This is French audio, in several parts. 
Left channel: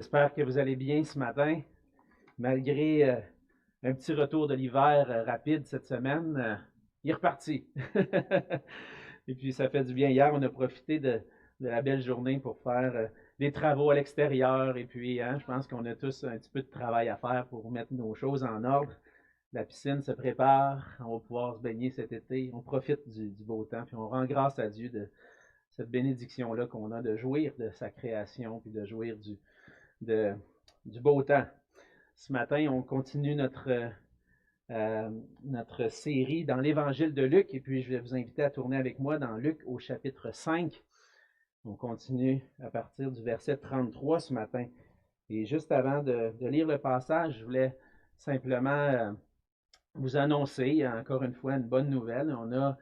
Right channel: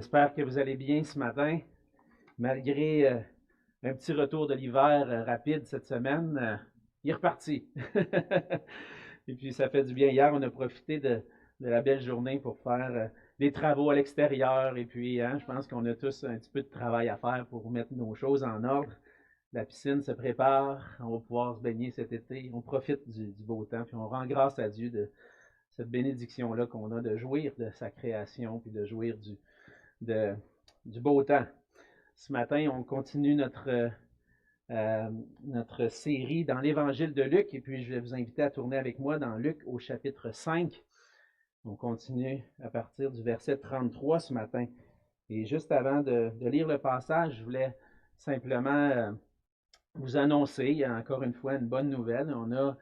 J'espère que vous allez bien ce matin, malgré un petit retour de l'hiver rapide cette semaine. Il est reparti. Et puis, ça fait du bien. Hier, on a profité de la belle journée pour faire des travaux à l'extérieur. Et puis, je pense qu'on a tous un petit peu de travail à faire pour mettre nos choses en ordre. La piscine se prépare. On va pouvoir se baigner cet été. On profite du beau temps. Puis, on rend grâce à Dieu de cette bénédiction-là qu'on a de jouir de sa création puis de jouir du beau temps. Ce matin, on continue notre série dans l'Évangile de Luc, et puis je vais vous inviter à tourner avec moi dans Luc au chapitre 5. On continue à partir du verset 33 ce matin. Et juste avant de lire le passage, je voulais simplement vous annoncer, encore une fois, une bonne nouvelle. On a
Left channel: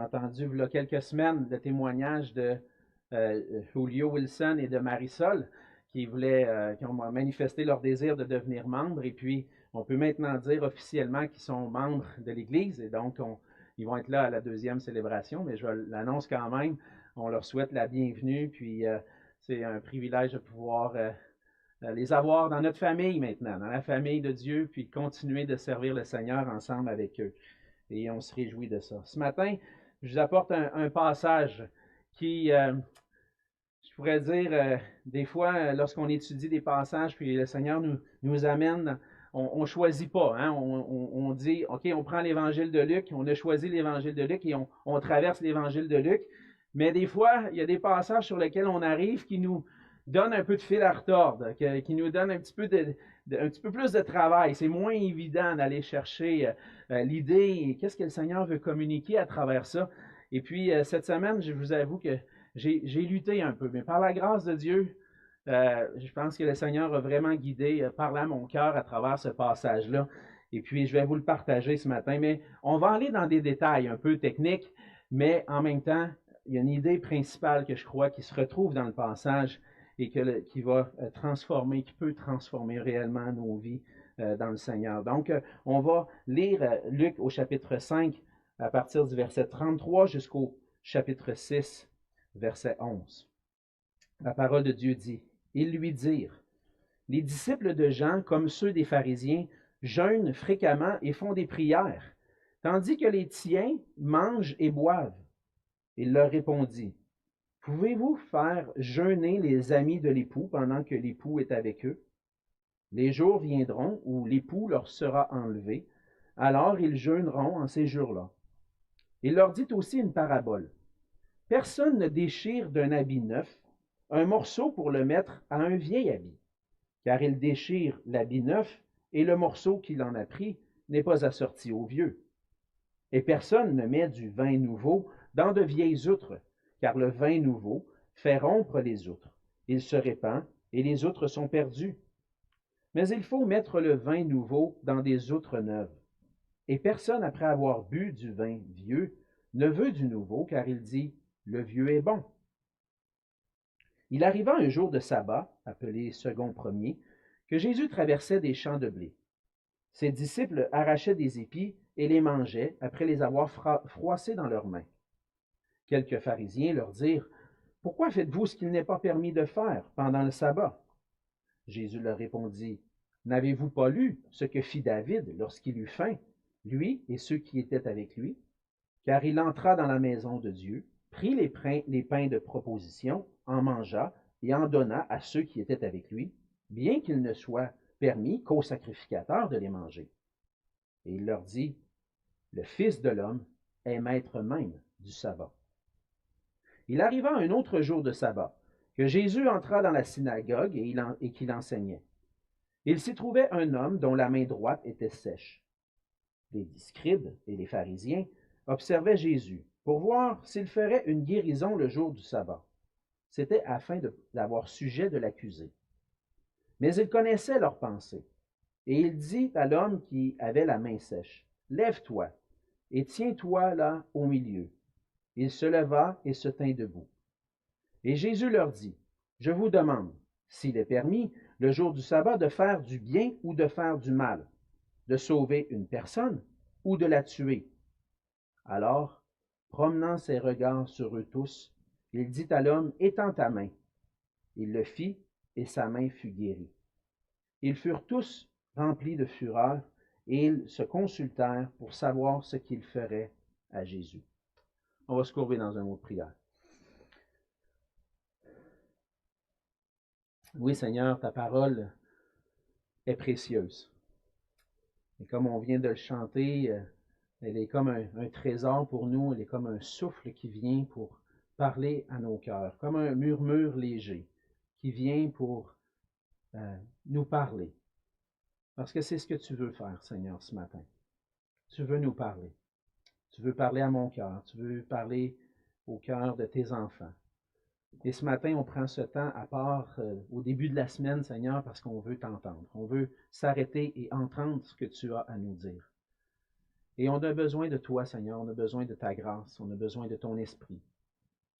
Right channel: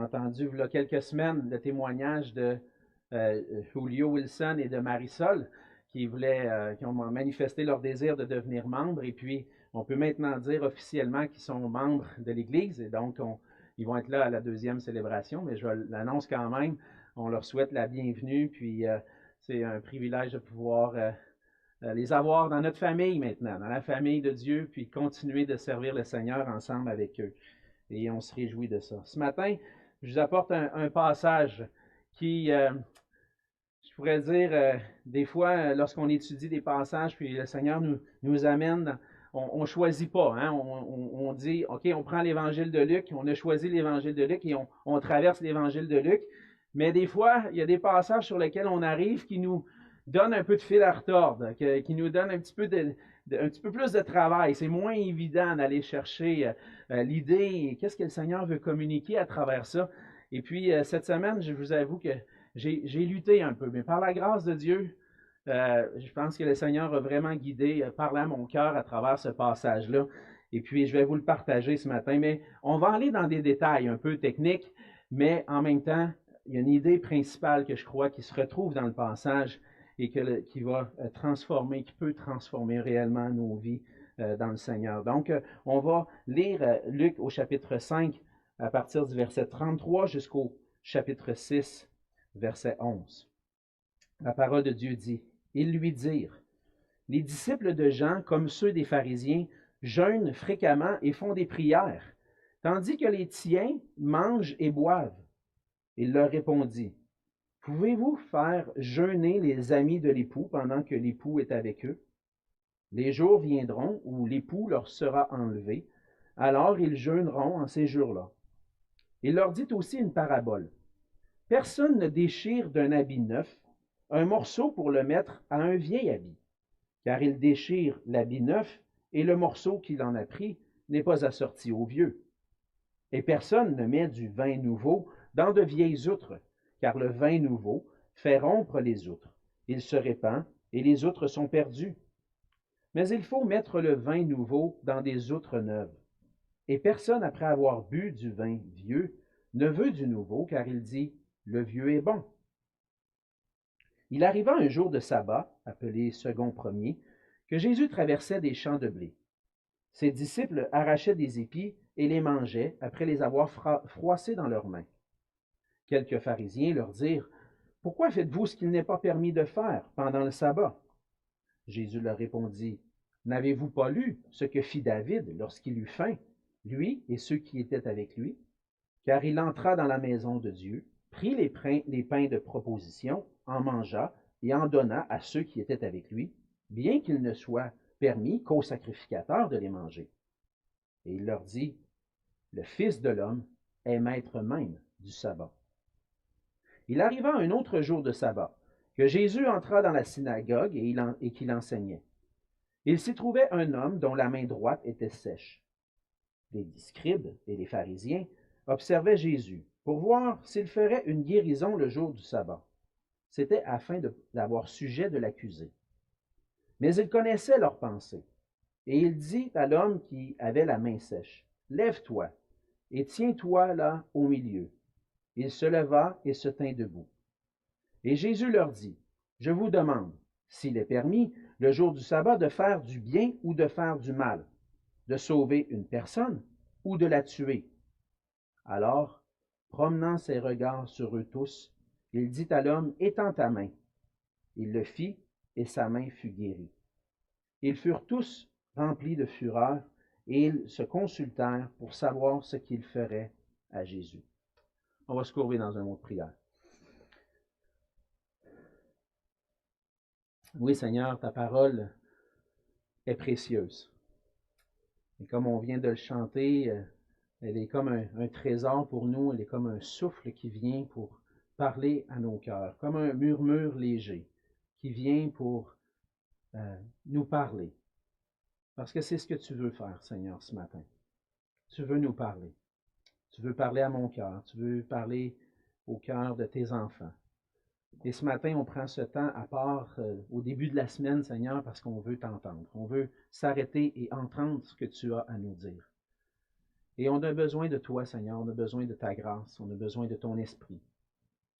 entendu, il y a quelques semaines, le témoignage de Julio Wilson et de Marisol, qui ont manifesté leur désir de devenir membres. Et puis, on peut maintenant dire officiellement qu'ils sont membres de l'Église. Et donc, ils vont être là à la deuxième célébration, mais je l'annonce quand même. On leur souhaite la bienvenue. Puis, c'est un privilège de pouvoir les avoir dans notre famille maintenant, dans la famille de Dieu, puis continuer de servir le Seigneur ensemble avec eux. Et on se réjouit de ça. Ce matin, je vous apporte un passage qui, je pourrais dire, des fois, lorsqu'on étudie des passages, puis le Seigneur nous amène, on ne choisit pas. Hein? On dit, OK, on prend l'Évangile de Luc, on a choisi l'Évangile de Luc et on traverse l'Évangile de Luc. Mais des fois, il y a des passages sur lesquels on arrive qui nous donnent un peu de fil à retordre, qui nous donnent un petit peu plus de travail. C'est moins évident d'aller chercher l'idée, qu'est-ce que le Seigneur veut communiquer à travers ça. Et puis, cette semaine, je vous avoue que j'ai lutté un peu, mais par la grâce de Dieu, je pense que le Seigneur a vraiment guidé, parlé à mon cœur à travers ce passage-là. Et puis, je vais vous le partager ce matin. Mais on va aller dans des détails un peu techniques, mais en même temps, il y a une idée principale que je crois qui se retrouve dans le passage et qui va transformer, qui peut transformer réellement nos vies dans le Seigneur. Donc, on va lire Luc au chapitre 5 à partir du verset 33 jusqu'au chapitre 6, verset 11. La parole de Dieu dit, « Ils lui dirent, les disciples de Jean, comme ceux des pharisiens, jeûnent fréquemment et font des prières, tandis que les tiens mangent et boivent. » Il leur répondit, « Pouvez-vous faire jeûner les amis de l'époux pendant que l'époux est avec eux? Les jours viendront où l'époux leur sera enlevé, alors ils jeûneront en ces jours-là. » Il leur dit aussi une parabole. « Personne ne déchire d'un habit neuf un morceau pour le mettre à un vieil habit, car il déchire l'habit neuf et le morceau qu'il en a pris n'est pas assorti au vieux. Et personne ne met du vin nouveau dans de vieilles outres, car le vin nouveau fait rompre les outres. Il se répand et les outres sont perdues. Mais il faut mettre le vin nouveau dans des outres neuves. Et personne, après avoir bu du vin vieux, ne veut du nouveau, car il dit, le vieux est bon. » Il arriva un jour de sabbat, appelé second premier, que Jésus traversait des champs de blé. Ses disciples arrachaient des épis et les mangeaient après les avoir froissés dans leurs mains. Quelques pharisiens leur dirent, « Pourquoi faites-vous ce qu'il n'est pas permis de faire pendant le sabbat? » Jésus leur répondit, « N'avez-vous pas lu ce que fit David lorsqu'il eut faim, lui et ceux qui étaient avec lui? Car il entra dans la maison de Dieu, prit les pains de proposition, en mangea et en donna à ceux qui étaient avec lui, bien qu'il ne soit permis qu'aux sacrificateurs de les manger. Et il leur dit, le Fils de l'homme est maître même du sabbat. » Il arriva un autre jour de sabbat, que Jésus entra dans la synagogue et qu'il enseignait. Il s'y trouvait un homme dont la main droite était sèche. Les scribes et les pharisiens observaient Jésus pour voir s'il ferait une guérison le jour du sabbat. C'était afin d'avoir sujet de l'accuser. Mais il connaissait leurs pensées. Et il dit à l'homme qui avait la main sèche, « Lève-toi et tiens-toi là au milieu. » Il se leva et se tint debout. Et Jésus leur dit, « Je vous demande, s'il est permis, le jour du sabbat, de faire du bien ou de faire du mal, de sauver une personne ou de la tuer. » Alors, promenant ses regards sur eux tous, il dit à l'homme, « Étends ta main. » Il le fit, et sa main fut guérie. Ils furent tous remplis de fureur et ils se consultèrent pour savoir ce qu'ils feraient à Jésus. On va se courber dans un mot de prière. Oui, Seigneur, ta parole est précieuse. Et comme on vient de le chanter, elle est comme un trésor pour nous, elle est comme un souffle qui vient pour parler à nos cœurs, comme un murmure léger qui vient pour nous parler. Parce que c'est ce que tu veux faire, Seigneur, ce matin. Tu veux nous parler. Tu veux parler à mon cœur. Tu veux parler au cœur de tes enfants. Et ce matin, on prend ce temps à part au début de la semaine, Seigneur, parce qu'on veut t'entendre. On veut s'arrêter et entendre ce que tu as à nous dire. Et on a besoin de toi, Seigneur. On a besoin de ta grâce. On a besoin de ton esprit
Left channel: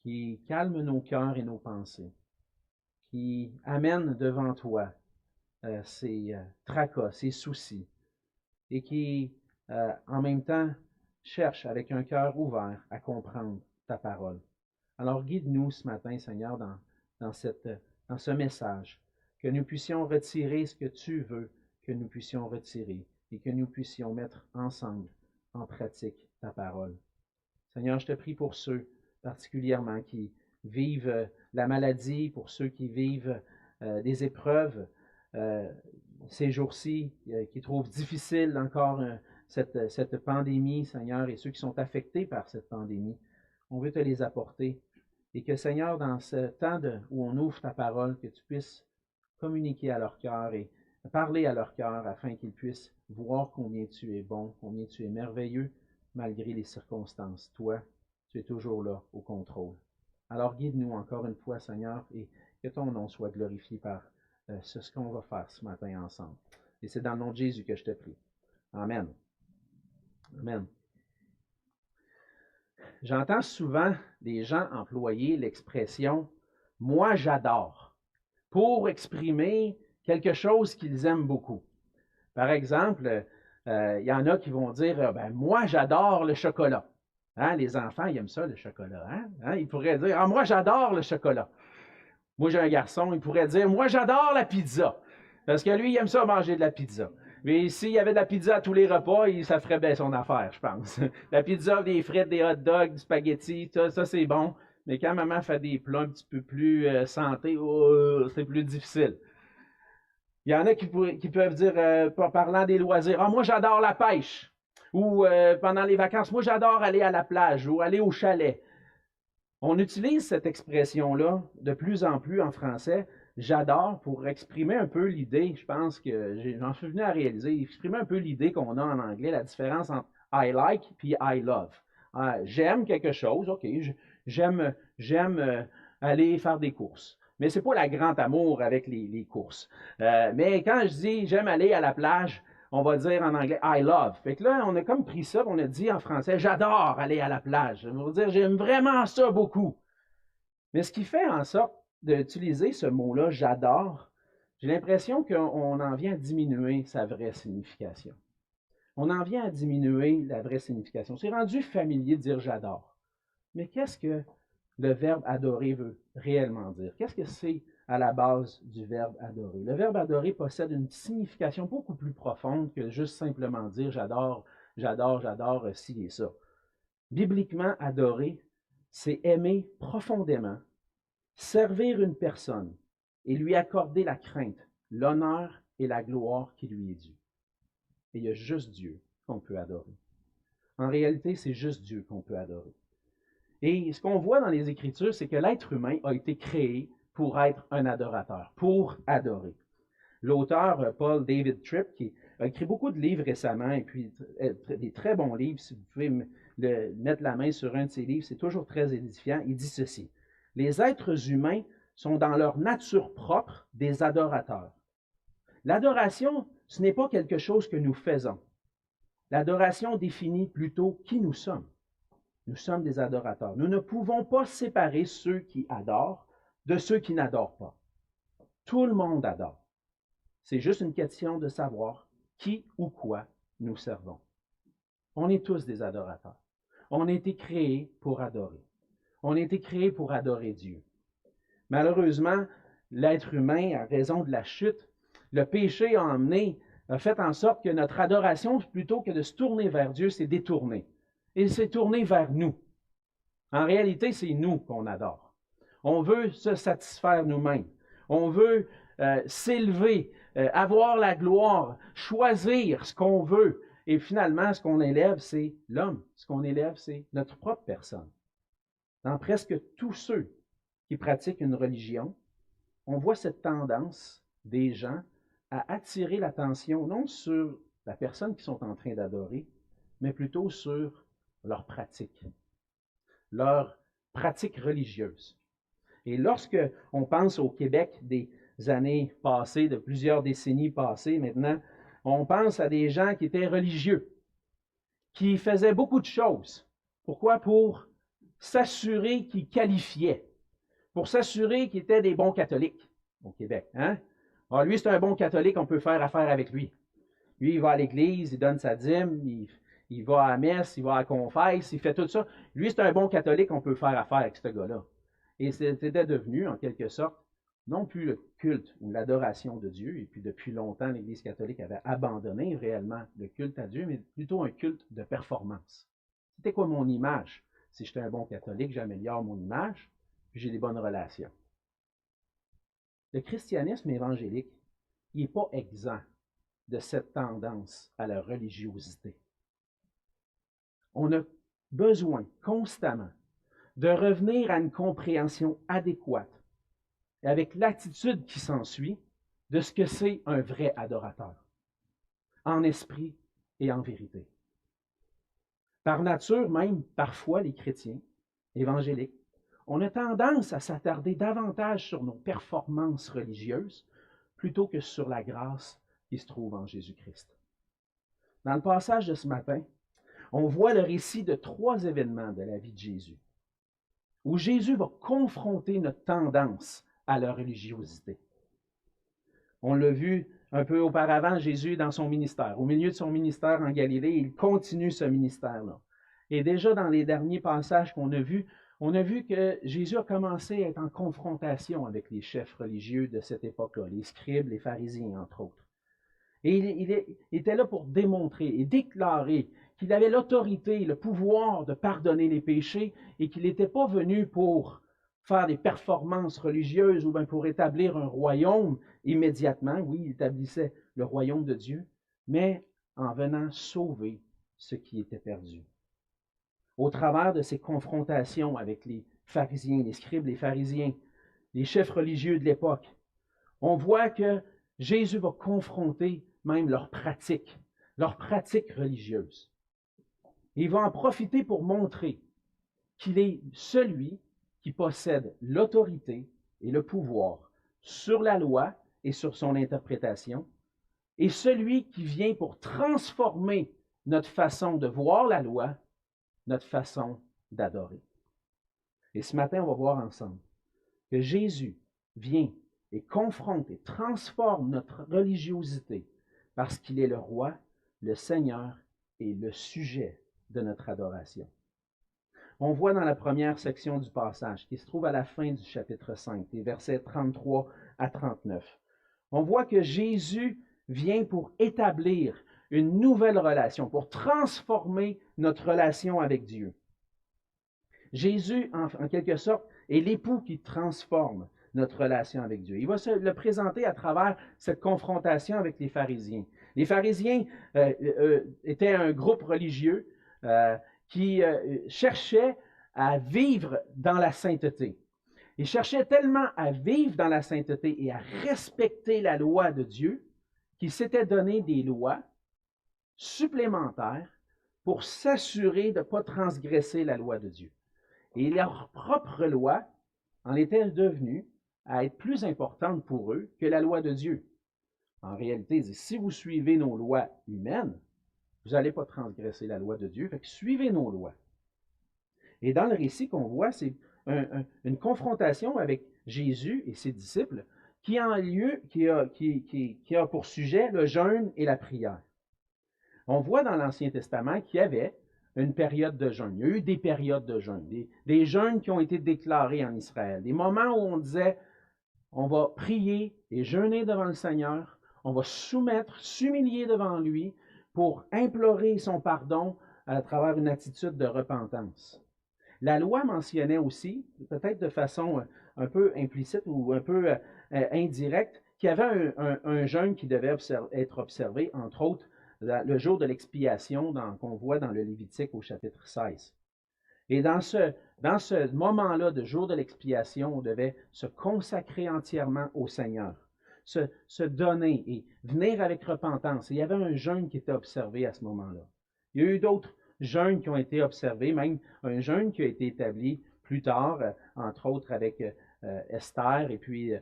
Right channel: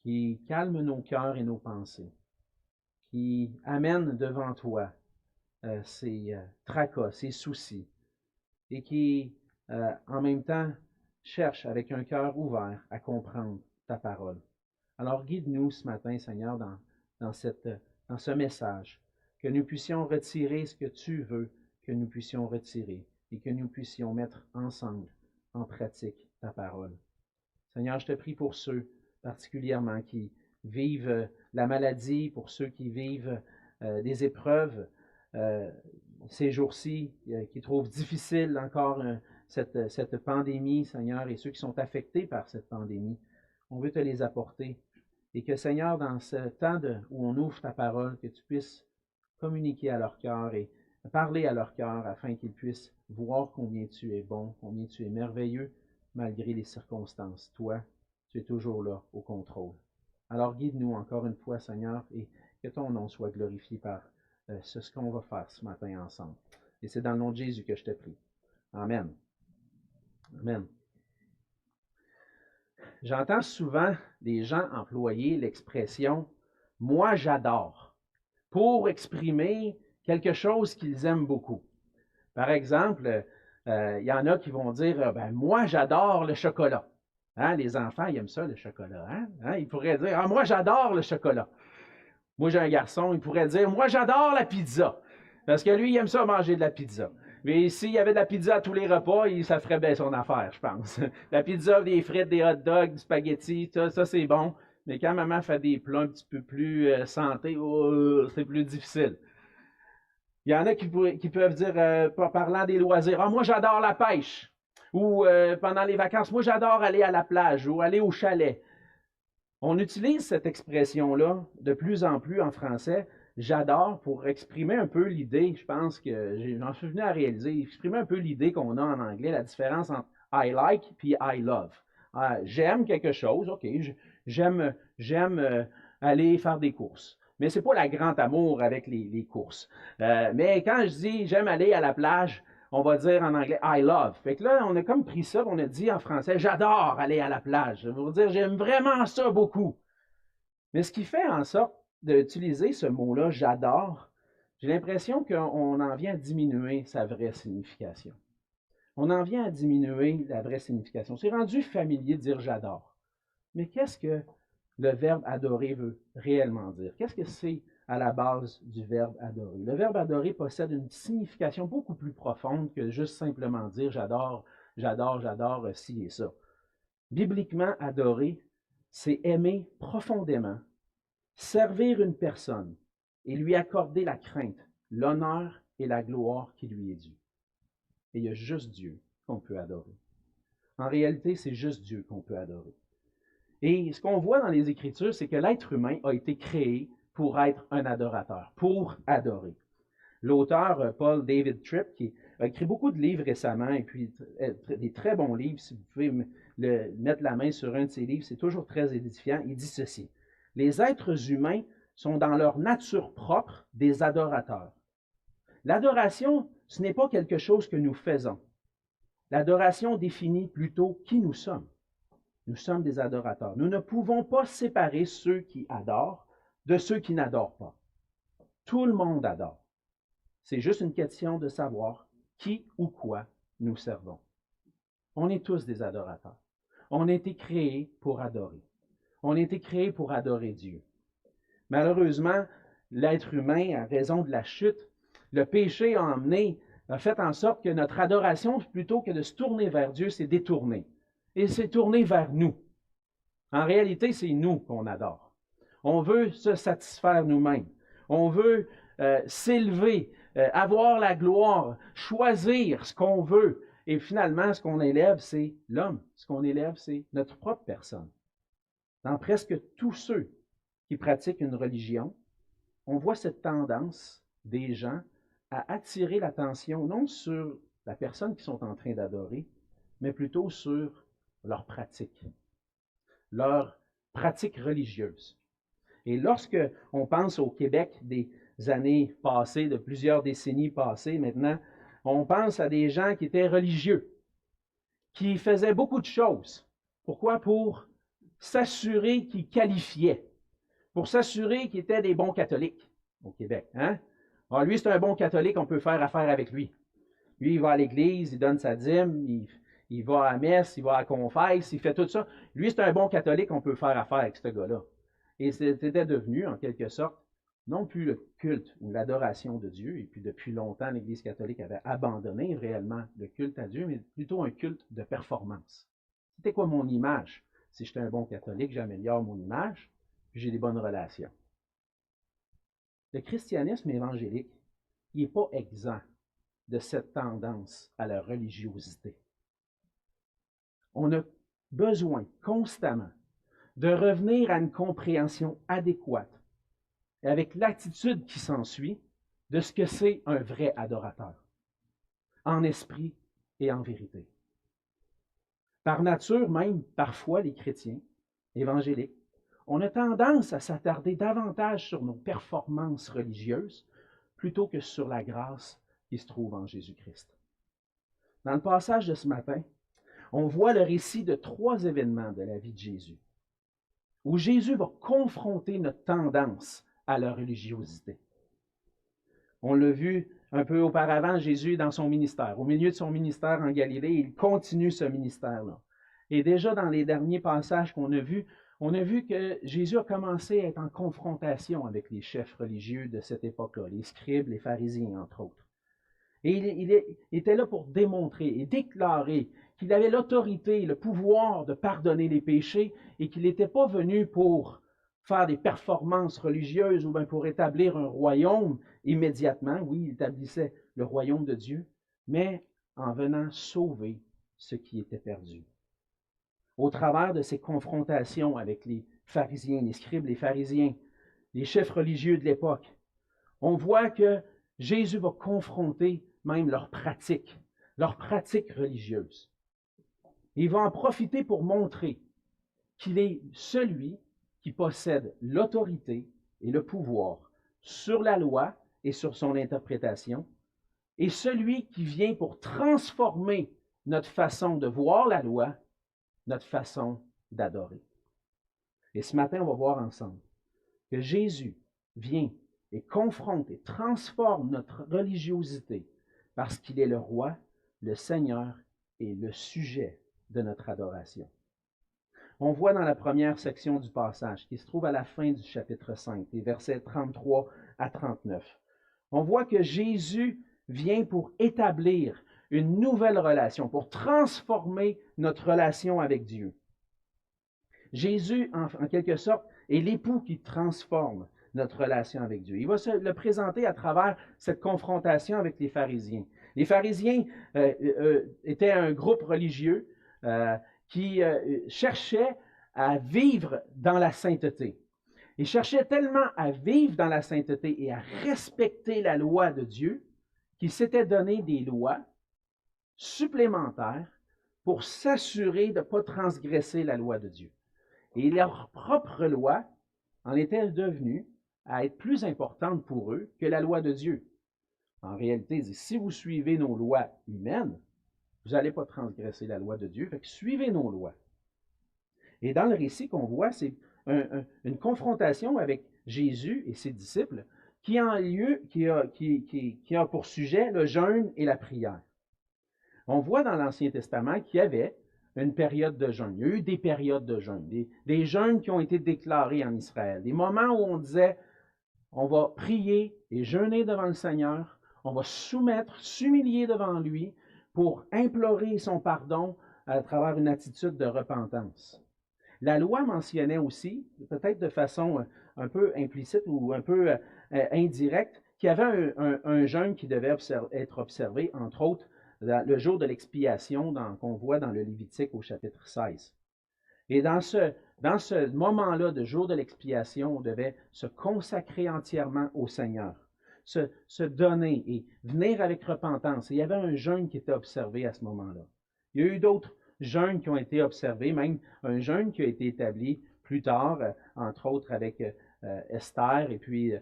qui calme nos cœurs et nos pensées, qui amène devant toi ses tracas, ses soucis, et qui, en même temps, cherche avec un cœur ouvert à comprendre ta parole. Alors guide-nous ce matin, Seigneur, dans ce message, que nous puissions retirer ce que tu veux que nous puissions retirer et que nous puissions mettre ensemble en pratique ta parole. Seigneur, je te prie pour ceux particulièrement qui vivent la maladie, pour ceux qui vivent des épreuves ces jours-ci, qui trouvent difficile encore cette pandémie, Seigneur, et ceux qui sont affectés par cette pandémie. On veut te les apporter. Et que, Seigneur, dans ce temps où on ouvre ta parole, que tu puisses communiquer à leur cœur et parler à leur cœur afin qu'ils puissent voir combien tu es bon, combien tu es merveilleux, malgré les circonstances. Toi, tu es toujours là, au contrôle. Alors guide-nous encore une fois, Seigneur, et que ton nom soit glorifié par ce qu'on va faire ce matin ensemble. Et c'est dans le nom de Jésus que je te prie. Amen. Amen. J'entends souvent des gens employer l'expression « moi j'adore » pour exprimer quelque chose qu'ils aiment beaucoup. Par exemple, il y en a qui vont dire « moi j'adore le chocolat ». Hein, les enfants, ils aiment ça, le chocolat. Hein? Ils pourraient dire « ah, moi j'adore le chocolat ». Moi j'ai un garçon, il pourrait dire « moi j'adore la pizza ». Parce que lui, il aime ça manger de la pizza. Mais s'il y avait de la pizza à tous les repas, ça ferait bien son affaire, je pense. La pizza, des frites, des hot dogs, du spaghetti, ça c'est bon. Mais quand maman fait des plats un petit peu plus santé, c'est plus difficile. Il y en a qui peuvent dire, parlant des loisirs, « ah, moi j'adore la pêche ». Ou pendant les vacances, « moi j'adore aller à la plage » ou aller au chalet. On utilise cette expression-là de plus en plus en français, j'adore, pour exprimer un peu l'idée, je pense que j'en suis venu à réaliser, exprimer un peu l'idée qu'on a en anglais, la différence entre I like puis I love. J'aime quelque chose, OK, j'aime aller faire des courses. Mais ce n'est pas la grande amour avec les courses. Mais quand je dis j'aime aller à la plage, on va dire en anglais I love. Fait que là, on a comme pris ça, on a dit en français j'adore aller à la plage. Ça veut dire j'aime vraiment ça beaucoup. Mais ce qui fait en sorte d'utiliser ce mot-là, j'adore, j'ai l'impression qu'on en vient à diminuer sa vraie signification. On en vient à diminuer la vraie signification. C'est rendu familier de dire j'adore. Mais qu'est-ce que le verbe adorer veut réellement dire? Qu'est-ce que c'est à la base du verbe adorer? Le verbe adorer possède une signification beaucoup plus profonde que juste simplement dire j'adore, j'adore, j'adore ci et ça. Bibliquement, adorer, c'est aimer profondément, servir une personne et lui accorder la crainte, l'honneur et la gloire qui lui est due. Et il y a juste Dieu qu'on peut adorer. En réalité, c'est juste Dieu qu'on peut adorer. Et ce qu'on voit dans les Écritures, c'est que l'être humain a été créé pour être un adorateur, pour adorer. L'auteur Paul David Tripp, qui a écrit beaucoup de livres récemment, et puis des très bons livres, si vous pouvez mettre la main sur un de ses livres, c'est toujours très édifiant, il dit ceci. Les êtres humains sont dans leur nature propre des adorateurs. L'adoration, ce n'est pas quelque chose que nous faisons. L'adoration définit plutôt qui nous sommes. Nous sommes des adorateurs. Nous ne pouvons pas séparer ceux qui adorent de ceux qui n'adorent pas. Tout le monde adore. C'est juste une question de savoir qui ou quoi nous servons. On est tous des adorateurs. On a été créés pour adorer. On a été créés pour adorer Dieu. Malheureusement, l'être humain, à raison de la chute, le péché a fait en sorte que notre adoration, plutôt que de se tourner vers Dieu, s'est détournée. Et s'est tournée vers nous. En réalité, c'est nous qu'on adore. On veut se satisfaire nous-mêmes. On veut s'élever, avoir la gloire, choisir ce qu'on veut. Et finalement, ce qu'on élève, c'est l'homme. Ce qu'on élève, c'est notre propre personne. Dans presque tous ceux qui pratiquent une religion, on voit cette tendance des gens à attirer l'attention non sur la personne qu'ils sont en train d'adorer, mais plutôt sur leur pratique religieuse. Et lorsque on pense au Québec des années passées, de plusieurs décennies passées maintenant, on pense à des gens qui étaient religieux, qui faisaient beaucoup de choses. Pourquoi? Pour s'assurer qu'ils qualifiaient, pour s'assurer qu'ils étaient des bons catholiques au Québec. Hein? Alors, lui, c'est un bon catholique, on peut faire affaire avec lui. Lui, il va à l'église, il donne sa dîme, il va à la messe, il va à la confesse, il fait tout ça. Lui, c'est un bon catholique, on peut faire affaire avec ce gars-là. Et c'était devenu, en quelque sorte, non plus le culte ou l'adoration de Dieu, et puis depuis longtemps, l'Église catholique avait abandonné réellement le culte à Dieu, mais plutôt un culte de performance. C'était quoi mon image? Si j'étais un bon catholique, j'améliore mon image, puis j'ai des bonnes relations. Le christianisme évangélique, il n'est pas exempt de cette tendance à la religiosité. On a besoin constamment de revenir à une compréhension adéquate et avec l'attitude qui s'ensuit de ce que c'est un vrai adorateur, en esprit et en vérité. Par nature même, parfois, les chrétiens évangéliques, on a tendance à s'attarder davantage sur nos performances religieuses plutôt que sur la grâce qui se trouve en Jésus-Christ. Dans le passage de ce matin, on voit le récit de 3 événements de la vie de Jésus, où Jésus va confronter notre tendance à la religiosité. On l'a vu un peu auparavant, Jésus dans son ministère. Au milieu de son ministère en Galilée, il continue ce ministère-là. Et déjà dans les derniers passages qu'on a vus, on a vu que Jésus a commencé à être en confrontation avec les chefs religieux de cette époque-là, les scribes, les pharisiens, entre autres. Et il était là pour démontrer et déclarer qu'il avait l'autorité, le pouvoir de pardonner les péchés et qu'il n'était pas venu pour faire des performances religieuses ou bien pour établir un royaume immédiatement. Oui, il établissait le royaume de Dieu, mais en venant sauver ce qui était perdu. Au travers de ces confrontations avec les pharisiens, les scribes, les pharisiens, les chefs religieux de l'époque, on voit que Jésus va confronter même leurs pratiques religieuses. Il va en profiter pour montrer qu'il est celui qui possède l'autorité et le pouvoir sur la loi et sur son interprétation, et celui qui vient pour transformer notre façon de voir la loi, notre façon d'adorer. Et ce matin, on va voir ensemble que Jésus vient et confronte et transforme notre religiosité parce qu'il est le roi, le Seigneur et le sujet de notre adoration. On voit dans la première section du passage, qui se trouve à la fin du chapitre 5, les versets 33 à 39. On voit que Jésus vient pour établir une nouvelle relation, pour transformer notre relation avec Dieu. Jésus, en quelque sorte, est l'époux qui transforme notre relation avec Dieu. Il va se le présenter à travers cette confrontation avec les pharisiens. Les pharisiens étaient un groupe religieux qui cherchait à vivre dans la sainteté. Ils cherchaient tellement à vivre dans la sainteté et à respecter la loi de Dieu qu'ils s'étaient donné des lois supplémentaires pour s'assurer de ne pas transgresser la loi de Dieu. Et leur propre loi en était devenue à être plus importante pour eux que la loi de Dieu. En réalité, ils disent, si vous suivez nos lois humaines, vous n'allez pas transgresser la loi de Dieu, fait que suivez nos lois. Et dans le récit qu'on voit, c'est une confrontation avec Jésus et ses disciples qui a pour sujet le jeûne et la prière. On voit dans l'Ancien Testament qu'il y avait une période de jeûne. Il y a eu des périodes de jeûne, des jeûnes qui ont été déclarés en Israël, des moments où on disait on va prier et jeûner devant le Seigneur, on va s'humilier devant lui pour implorer son pardon à travers une attitude de repentance. La loi mentionnait aussi, peut-être de façon un peu implicite ou un peu indirecte, qu'il y avait un jeûne qui devait être observé, entre autres, le jour de l'expiation qu'on voit dans le Lévitique au chapitre 16. Et dans ce moment-là de jour de l'expiation, on devait se consacrer entièrement au Seigneur, se donner et venir avec repentance. Et il y avait un jeûne qui était observé à ce moment-là. Il y a eu d'autres jeûnes qui ont été observés, même un jeûne qui a été établi plus tard, entre autres avec Esther, et puis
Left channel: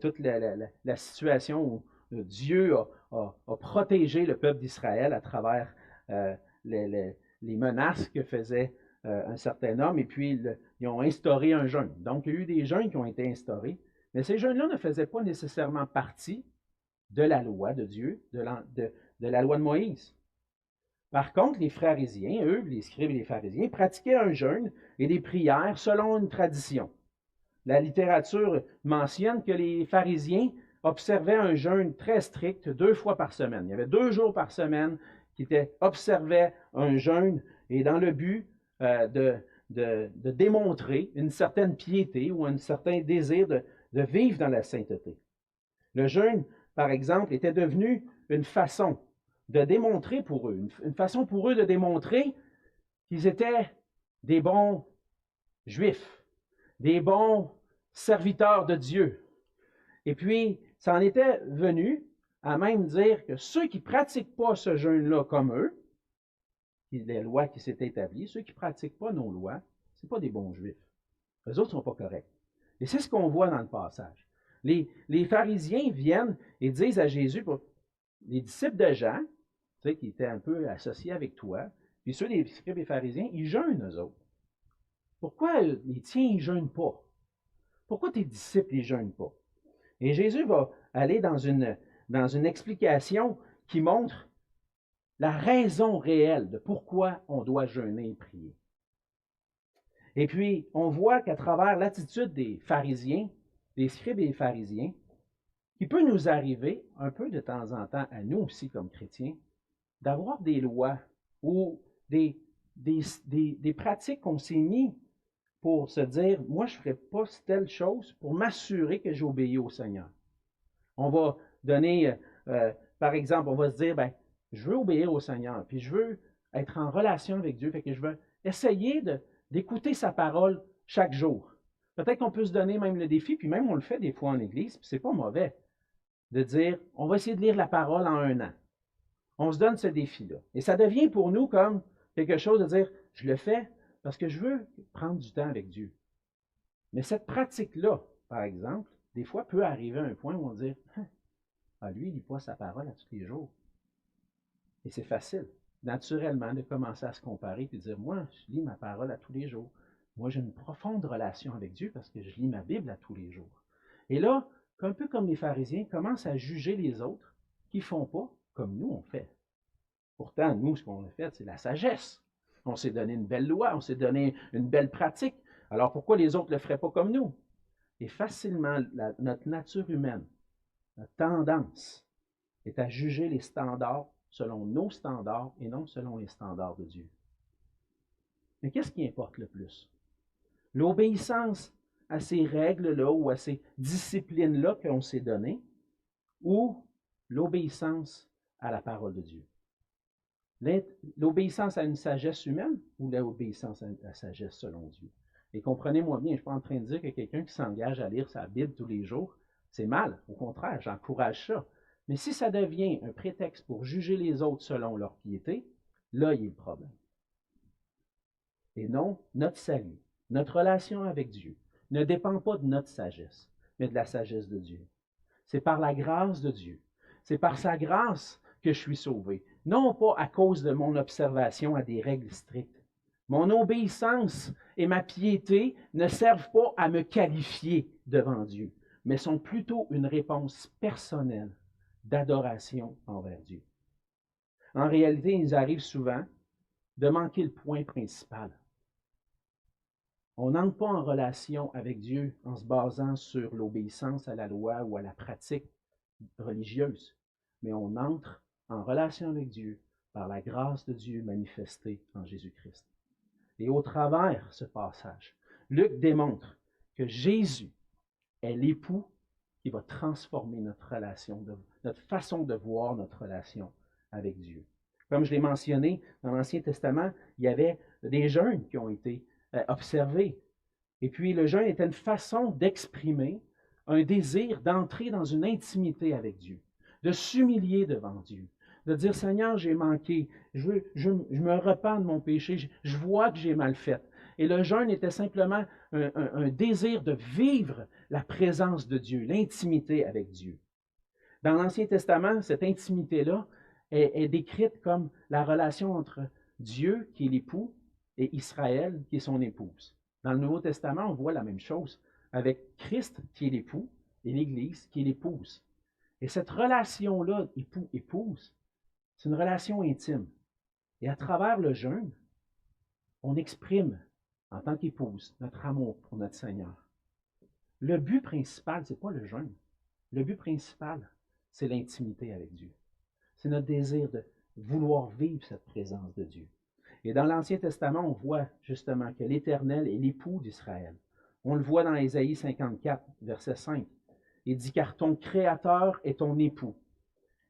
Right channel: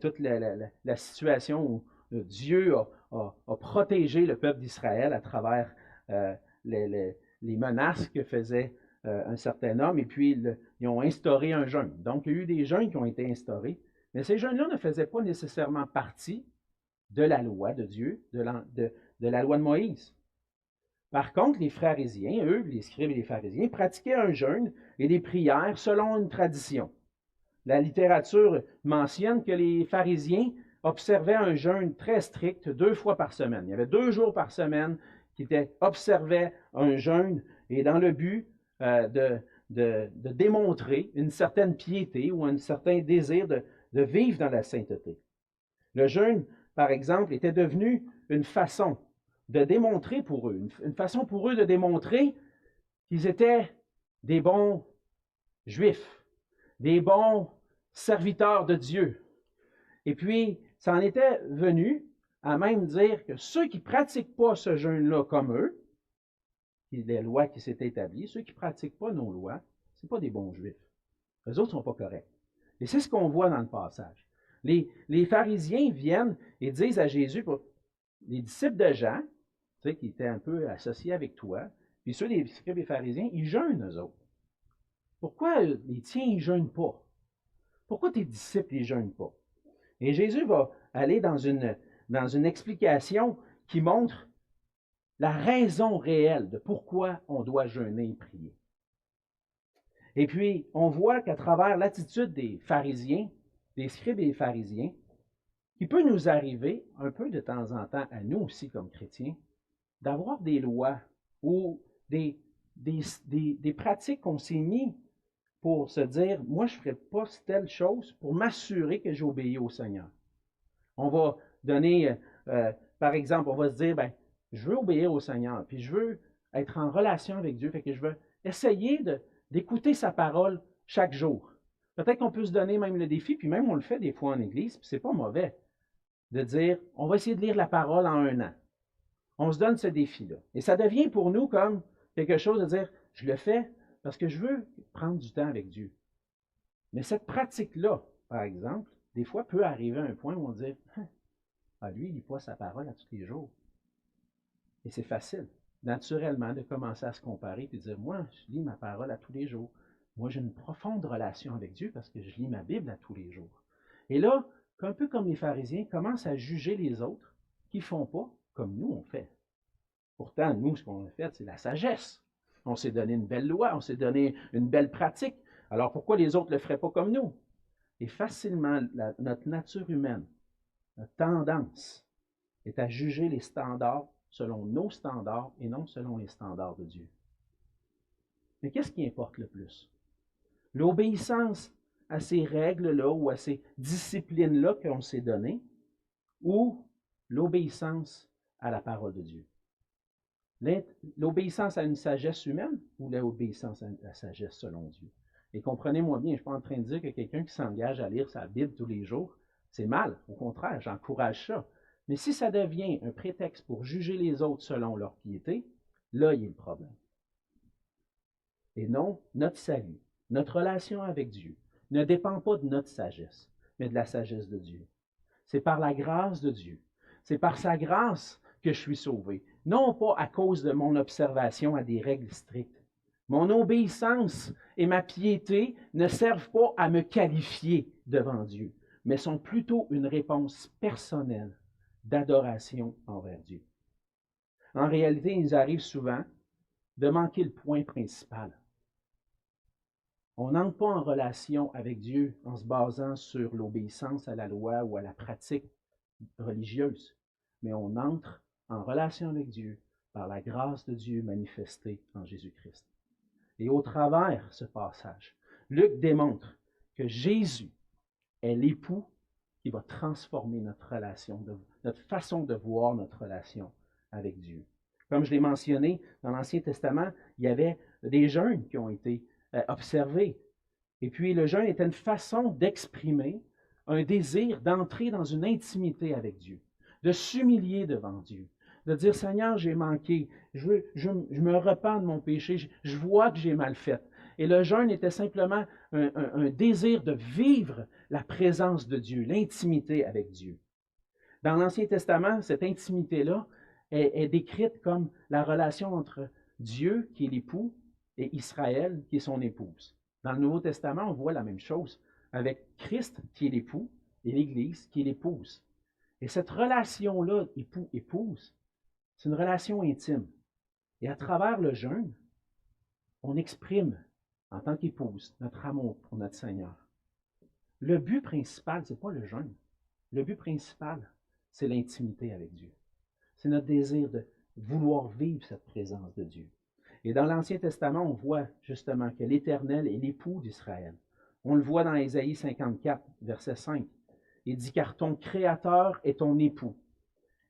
toute la situation où Dieu a protégé le peuple d'Israël à travers les menaces que faisait un certain homme, et puis ils ont instauré un jeûne. Donc, il y a eu des jeûnes qui ont été instaurés, mais ces jeûnes-là ne faisaient pas nécessairement partie de la loi de Dieu, de la loi de Moïse. Par contre, les pharisiens, eux, les scribes et les pharisiens, pratiquaient un jeûne et des prières selon une tradition. La littérature mentionne que les pharisiens observaient un jeûne très strict 2 fois par semaine. Il y avait 2 jours par semaine qui observaient un jeûne et dans le but de démontrer une certaine piété ou un certain désir de vivre dans la sainteté. Le jeûne, par exemple, était devenu une façon de démontrer pour eux, une façon pour eux de démontrer qu'ils étaient des bons Juifs, des bons serviteurs de Dieu. Et puis, ça en était venu à même dire que ceux qui ne pratiquent pas ce jeûne-là comme eux, les lois qui s'étaient établies, ceux qui ne pratiquent pas nos lois, ce ne sont pas des bons Juifs. Eux autres ne sont pas corrects. Et c'est ce qu'on voit dans le passage. Les pharisiens viennent et disent à Jésus, les disciples de Jean, tu sais, qui étaient un peu associés avec toi, puis ceux des scribes et pharisiens, ils jeûnent, eux autres. Pourquoi les tiens, ils ne jeûnent pas? Pourquoi tes disciples, ils ne jeûnent pas? Et Jésus va aller dans une explication qui montre la raison réelle de pourquoi on doit jeûner et prier. Et puis, on voit qu'à travers l'attitude des pharisiens, des scribes et des pharisiens, qui peut nous arriver un peu de temps en temps, à nous aussi comme chrétiens, d'avoir des lois ou des pratiques qu'on s'est mis pour se dire, moi, je ne ferai pas telle chose pour m'assurer que j'obéis au Seigneur. On va donner, par exemple, on va se dire, bien, je veux obéir au Seigneur, puis je veux être en relation avec Dieu, fait que je veux essayer d'écouter sa parole chaque jour. Peut-être qu'on peut se donner même le défi, puis même on le fait des fois en Église, puis ce n'est pas mauvais, de dire, on va essayer de lire la parole en 1 an. On se donne ce défi-là. Et ça devient pour nous comme quelque chose de dire, je le fais parce que je veux prendre du temps avec Dieu. Mais cette pratique-là, par exemple, des fois peut arriver à un point où on dit, lui, il lit pas sa parole à tous les jours. Et c'est facile, naturellement, de commencer à se comparer et de dire, moi, je lis ma parole à tous les jours. Moi, j'ai une profonde relation avec Dieu parce que je lis ma Bible à tous les jours. Et là, un peu comme les pharisiens, commencent à juger les autres qui ne font pas comme nous, on fait. Pourtant, nous, ce qu'on a fait, c'est la sagesse. On s'est donné une belle loi, on s'est donné une belle pratique. Alors, pourquoi les autres ne le feraient pas comme nous? Et facilement, notre nature humaine, notre tendance, est à juger les standards selon nos standards et non selon les standards de Dieu. Mais qu'est-ce qui importe le plus? L'obéissance à ces règles-là ou à ces disciplines-là qu'on s'est données ou l'obéissance à la parole de Dieu? L'obéissance à une sagesse humaine ou l'obéissance à la sagesse selon Dieu? Et comprenez-moi bien, je ne suis pas en train de dire que quelqu'un qui s'engage à lire sa Bible tous les jours, c'est mal. Au contraire, j'encourage ça. Mais si ça devient un prétexte pour juger les autres selon leur piété, là, il y a le problème. Et non, notre salut, notre relation avec Dieu ne dépend pas de notre sagesse, mais de la sagesse de Dieu. C'est par la grâce de Dieu. C'est par sa grâce que je suis sauvé. Non pas à cause de mon observation à des règles strictes. Mon obéissance et ma piété ne servent pas à me qualifier devant Dieu, mais sont plutôt une réponse personnelle d'adoration envers Dieu. En réalité, il nous arrive souvent de manquer le point principal. On n'entre pas en relation avec Dieu en se basant sur l'obéissance à la loi ou à la pratique religieuse, mais on entre en relation avec Dieu par la grâce de Dieu manifestée en Jésus-Christ. Et au travers ce passage, Luc démontre que Jésus est l'époux qui va transformer notre relation, notre façon de voir notre relation avec Dieu. Comme je l'ai mentionné, dans l'Ancien Testament, il y avait des jeûnes qui ont été observés. Et puis le jeûne était une façon d'exprimer un désir d'entrer dans une intimité avec Dieu, de s'humilier devant Dieu, de dire « Seigneur, j'ai manqué, je me repens de mon péché, je vois que j'ai mal fait. » Et le jeûne était simplement un désir de vivre la présence de Dieu, l'intimité avec Dieu. Dans l'Ancien Testament, cette intimité-là est décrite comme la relation entre Dieu, qui est l'époux, et Israël, qui est son épouse. Dans le Nouveau Testament, on voit la même chose avec Christ, qui est l'époux, et l'Église, qui est l'épouse. Et cette relation-là, époux-épouse, c'est une relation intime. Et à travers le jeûne, on exprime, en tant qu'épouse, notre amour pour notre Seigneur. Le but principal, ce n'est pas le jeûne. Le but principal, c'est l'intimité avec Dieu. C'est notre désir de vouloir vivre cette présence de Dieu. Et dans l'Ancien Testament, on voit justement que l'Éternel est l'époux d'Israël. On le voit dans Ésaïe 54, verset 5. Il dit « Car ton Créateur est ton époux.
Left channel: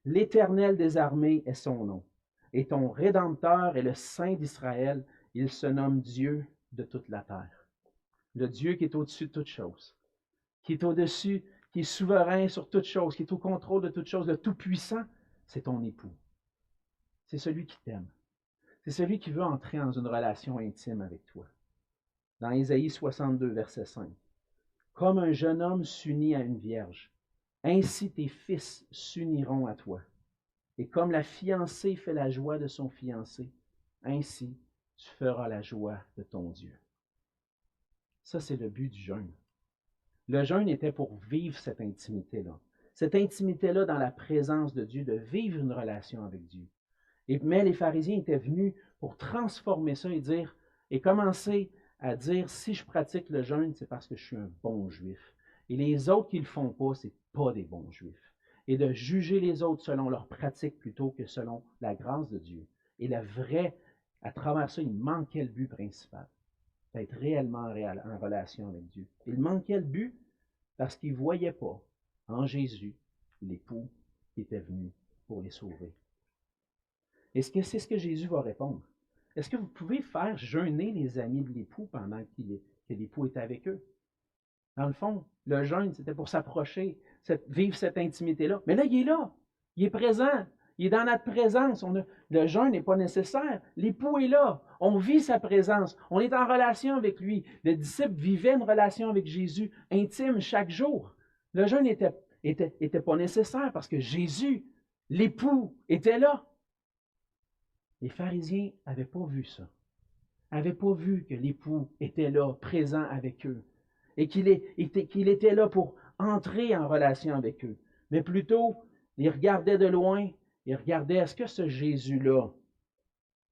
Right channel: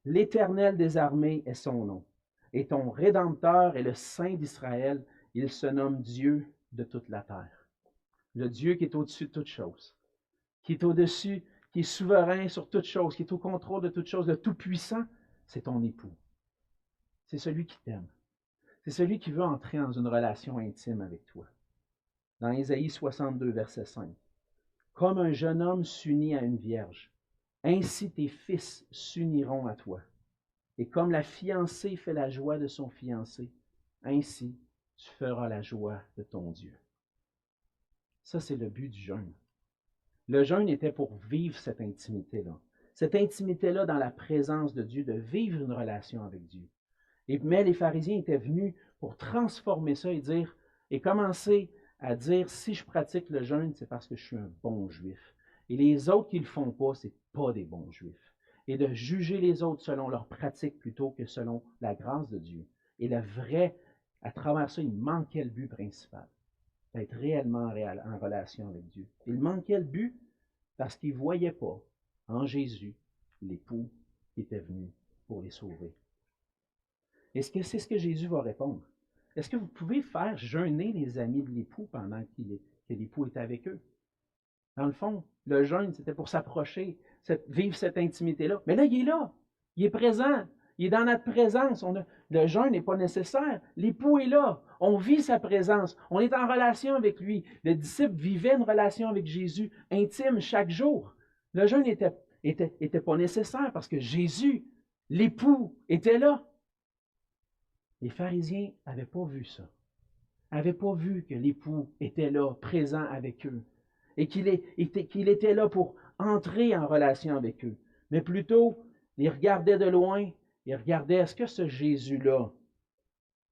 L'Éternel des armées est son nom. Et ton Rédempteur est le Saint d'Israël. Il se nomme Dieu de toute la terre. » Le Dieu qui est au-dessus de toutes choses, qui est au-dessus, qui est souverain sur toutes choses, qui est au contrôle de toutes choses, le Tout-Puissant, c'est ton époux. C'est celui qui t'aime. C'est celui qui veut entrer dans une relation intime avec toi. Dans Ésaïe 62, verset 5. « Comme un jeune homme s'unit à une vierge, ainsi tes fils s'uniront à toi. Et comme la fiancée fait la joie de son fiancé, ainsi tu feras la joie de ton Dieu. » Ça, c'est le but du jeûne. Le jeûne était pour vivre cette intimité-là. Cette intimité-là dans la présence de Dieu, de vivre une relation avec Dieu. Mais les pharisiens étaient venus pour transformer ça et commencer à dire, si je pratique le jeûne, c'est parce que je suis un bon juif. Et les autres qui ne le font pas, ce n'est pas des bons juifs. Et de juger les autres selon leur pratique plutôt que selon la grâce de Dieu. Et le vrai, à travers ça, il manquait le but principal, d'être réellement en relation avec Dieu. Il manquait le but parce qu'ils ne voyaient pas en Jésus l'époux qui était venu pour les sauver. Est-ce que c'est ce que Jésus va répondre? Est-ce que vous pouvez faire jeûner les amis de l'époux pendant que l'époux est avec eux? Dans le fond, le jeûne, c'était pour s'approcher, vivre cette intimité-là. Mais là, il est là. Il est présent. Il est dans notre présence. Le jeûne n'est pas nécessaire. L'époux est là. On vit sa présence. On est en relation avec lui. Le disciple vivait une relation avec Jésus intime chaque jour. Le jeûne n'était pas nécessaire parce que Jésus, l'époux, était là. Les pharisiens n'avaient pas vu ça. N'avaient pas vu que l'époux était là, présent avec eux, et qu'il était là pour entrer en relation avec eux. Mais plutôt, ils regardaient de loin, ils regardaient, est-ce que ce Jésus-là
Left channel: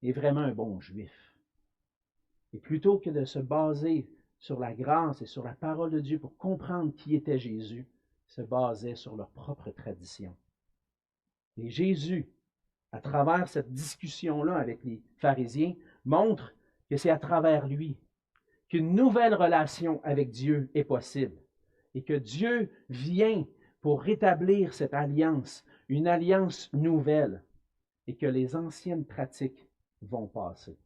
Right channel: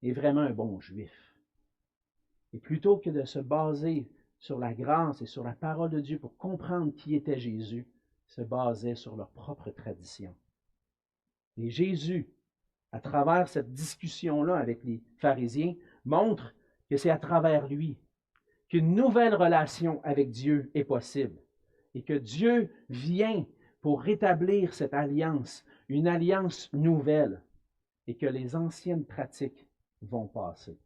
est vraiment un bon juif? Et plutôt que de se baser sur la grâce et sur la parole de Dieu pour comprendre qui était Jésus, ils se basaient sur leur propre tradition. Et Jésus, à travers cette discussion-là avec les pharisiens, montre que c'est à travers lui qu'une nouvelle relation avec Dieu est possible et que Dieu vient pour rétablir cette alliance, une alliance nouvelle, et que les anciennes pratiques vont passer.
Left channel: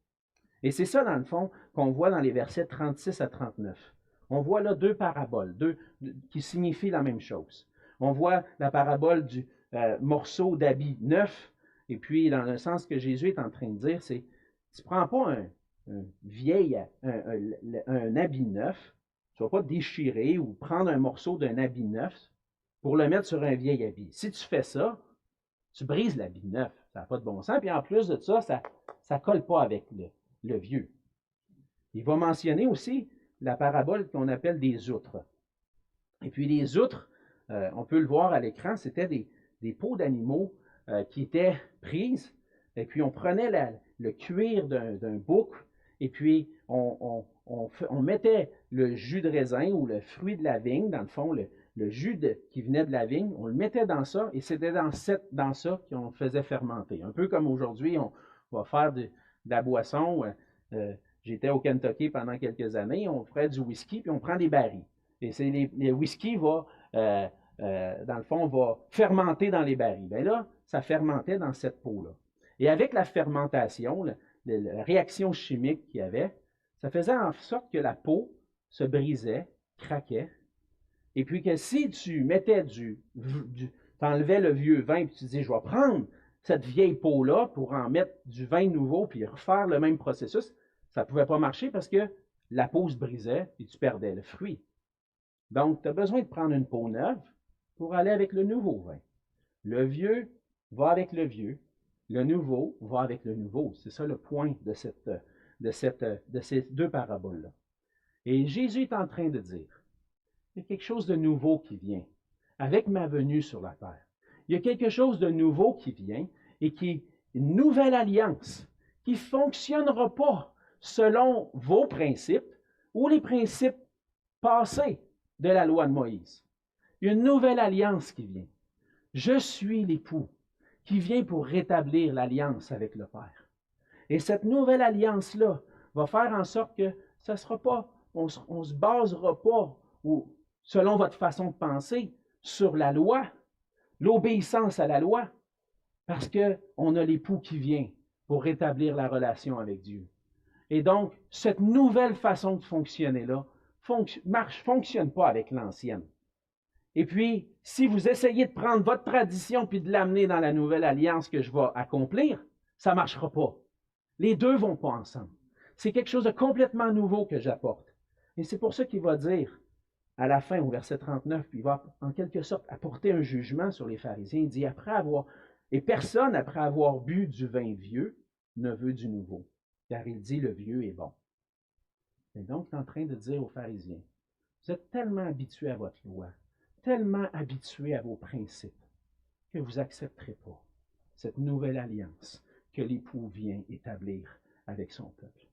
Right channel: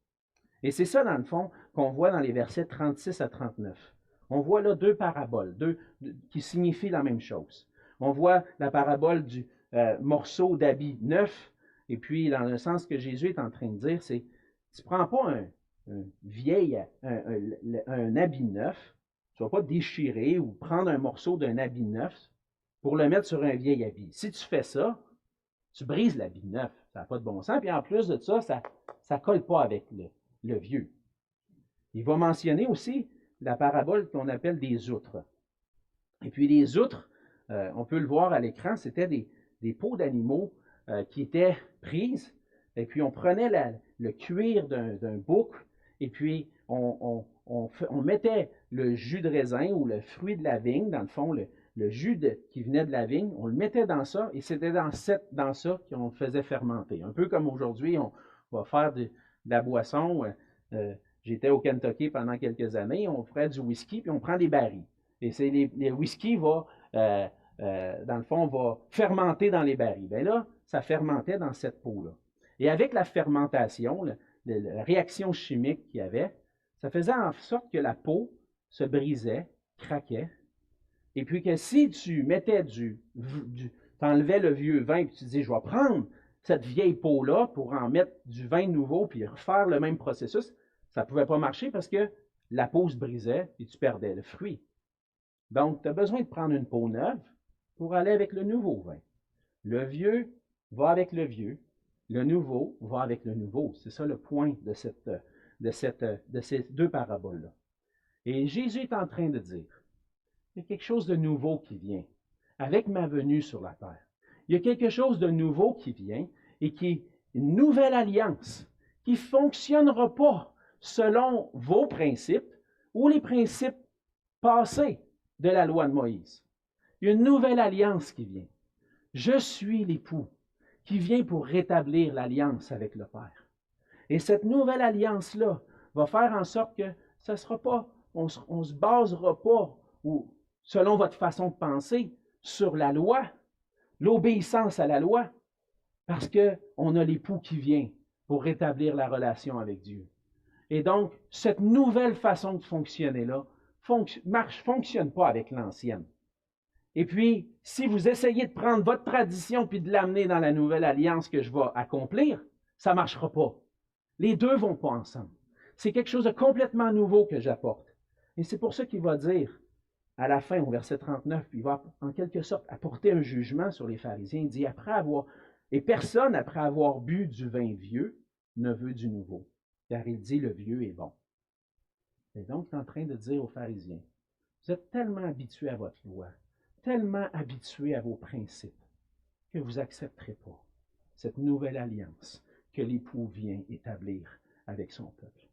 Et c'est ça, dans le fond, qu'on voit dans les versets 36 à 39. On voit là deux paraboles, qui signifient la même chose. On voit la parabole du morceau d'habit neuf. Et puis, dans le sens que Jésus est en train de dire, c'est, tu ne prends pas un habit neuf, tu ne vas pas déchirer ou prendre un morceau d'un habit neuf pour le mettre sur un vieil habit. Si tu fais ça, tu brises l'habit neuf. Ça n'a pas de bon sens. Puis en plus de ça ne colle pas avec le vieux. Il va mentionner aussi la parabole qu'on appelle des outres. Et puis les outres, on peut le voir à l'écran, c'était des peaux d'animaux qui étaient prises, et puis on prenait le cuir d'un bouc, et puis on on mettait le jus de raisin ou le fruit de la vigne, dans le fond, le jus qui venait de la vigne, on le mettait dans ça, et c'était dans ça qu'on faisait fermenter. Un peu comme aujourd'hui, on va faire de la boisson. J'étais au Kentucky pendant quelques années, on ferait du whisky, puis on prend des barils. Et c'est les whisky dans le fond, va fermenter dans les barils. Bien là, ça fermentait dans cette peau-là. Et avec la fermentation, la réaction chimique qu'il y avait, ça faisait en sorte que la peau se brisait, craquait, et puis que si tu mettais tu enlevais le vieux vin, puis tu dis, je vais prendre cette vieille peau-là pour en mettre du vin nouveau, puis refaire le même processus, ça ne pouvait pas marcher parce que la peau se brisait et tu perdais le fruit. Donc, tu as besoin de prendre une peau neuve pour aller avec le nouveau vin. Le vieux va avec le vieux, le nouveau va avec le nouveau. C'est ça le point de ces deux paraboles-là. Et Jésus est en train de dire, il y a quelque chose de nouveau qui vient avec ma venue sur la terre. Il y a quelque chose de nouveau qui vient et qui est une nouvelle alliance qui ne fonctionnera pas selon vos principes ou les principes passés de la loi de Moïse. Il y a une nouvelle alliance qui vient. Je suis l'époux qui vient pour rétablir l'alliance avec le Père. Et cette nouvelle alliance-là va faire en sorte que ça sera pas, on ne se basera pas, ou, selon votre façon de penser, sur la loi, l'obéissance à la loi, parce qu'on a l'époux qui vient pour rétablir la relation avec Dieu. Et donc, cette nouvelle façon de fonctionner-là ne fonctionne pas avec l'ancienne. Et puis, si vous essayez de prendre votre tradition puis de l'amener dans la nouvelle alliance que je vais accomplir, ça ne marchera pas. Les deux ne vont pas ensemble. C'est quelque chose de complètement nouveau que j'apporte. Et c'est pour ça qu'il va dire, à la fin, au verset 39, puis il va en quelque sorte apporter un jugement sur les pharisiens. Il dit, et personne, après avoir bu du vin vieux, ne veut du nouveau, car il dit, le vieux est bon. Et donc, il est en train de dire aux pharisiens, vous êtes tellement habitués à votre loi, tellement habitués à vos principes, que vous n'accepterez pas cette nouvelle alliance que l'époux vient établir avec son peuple.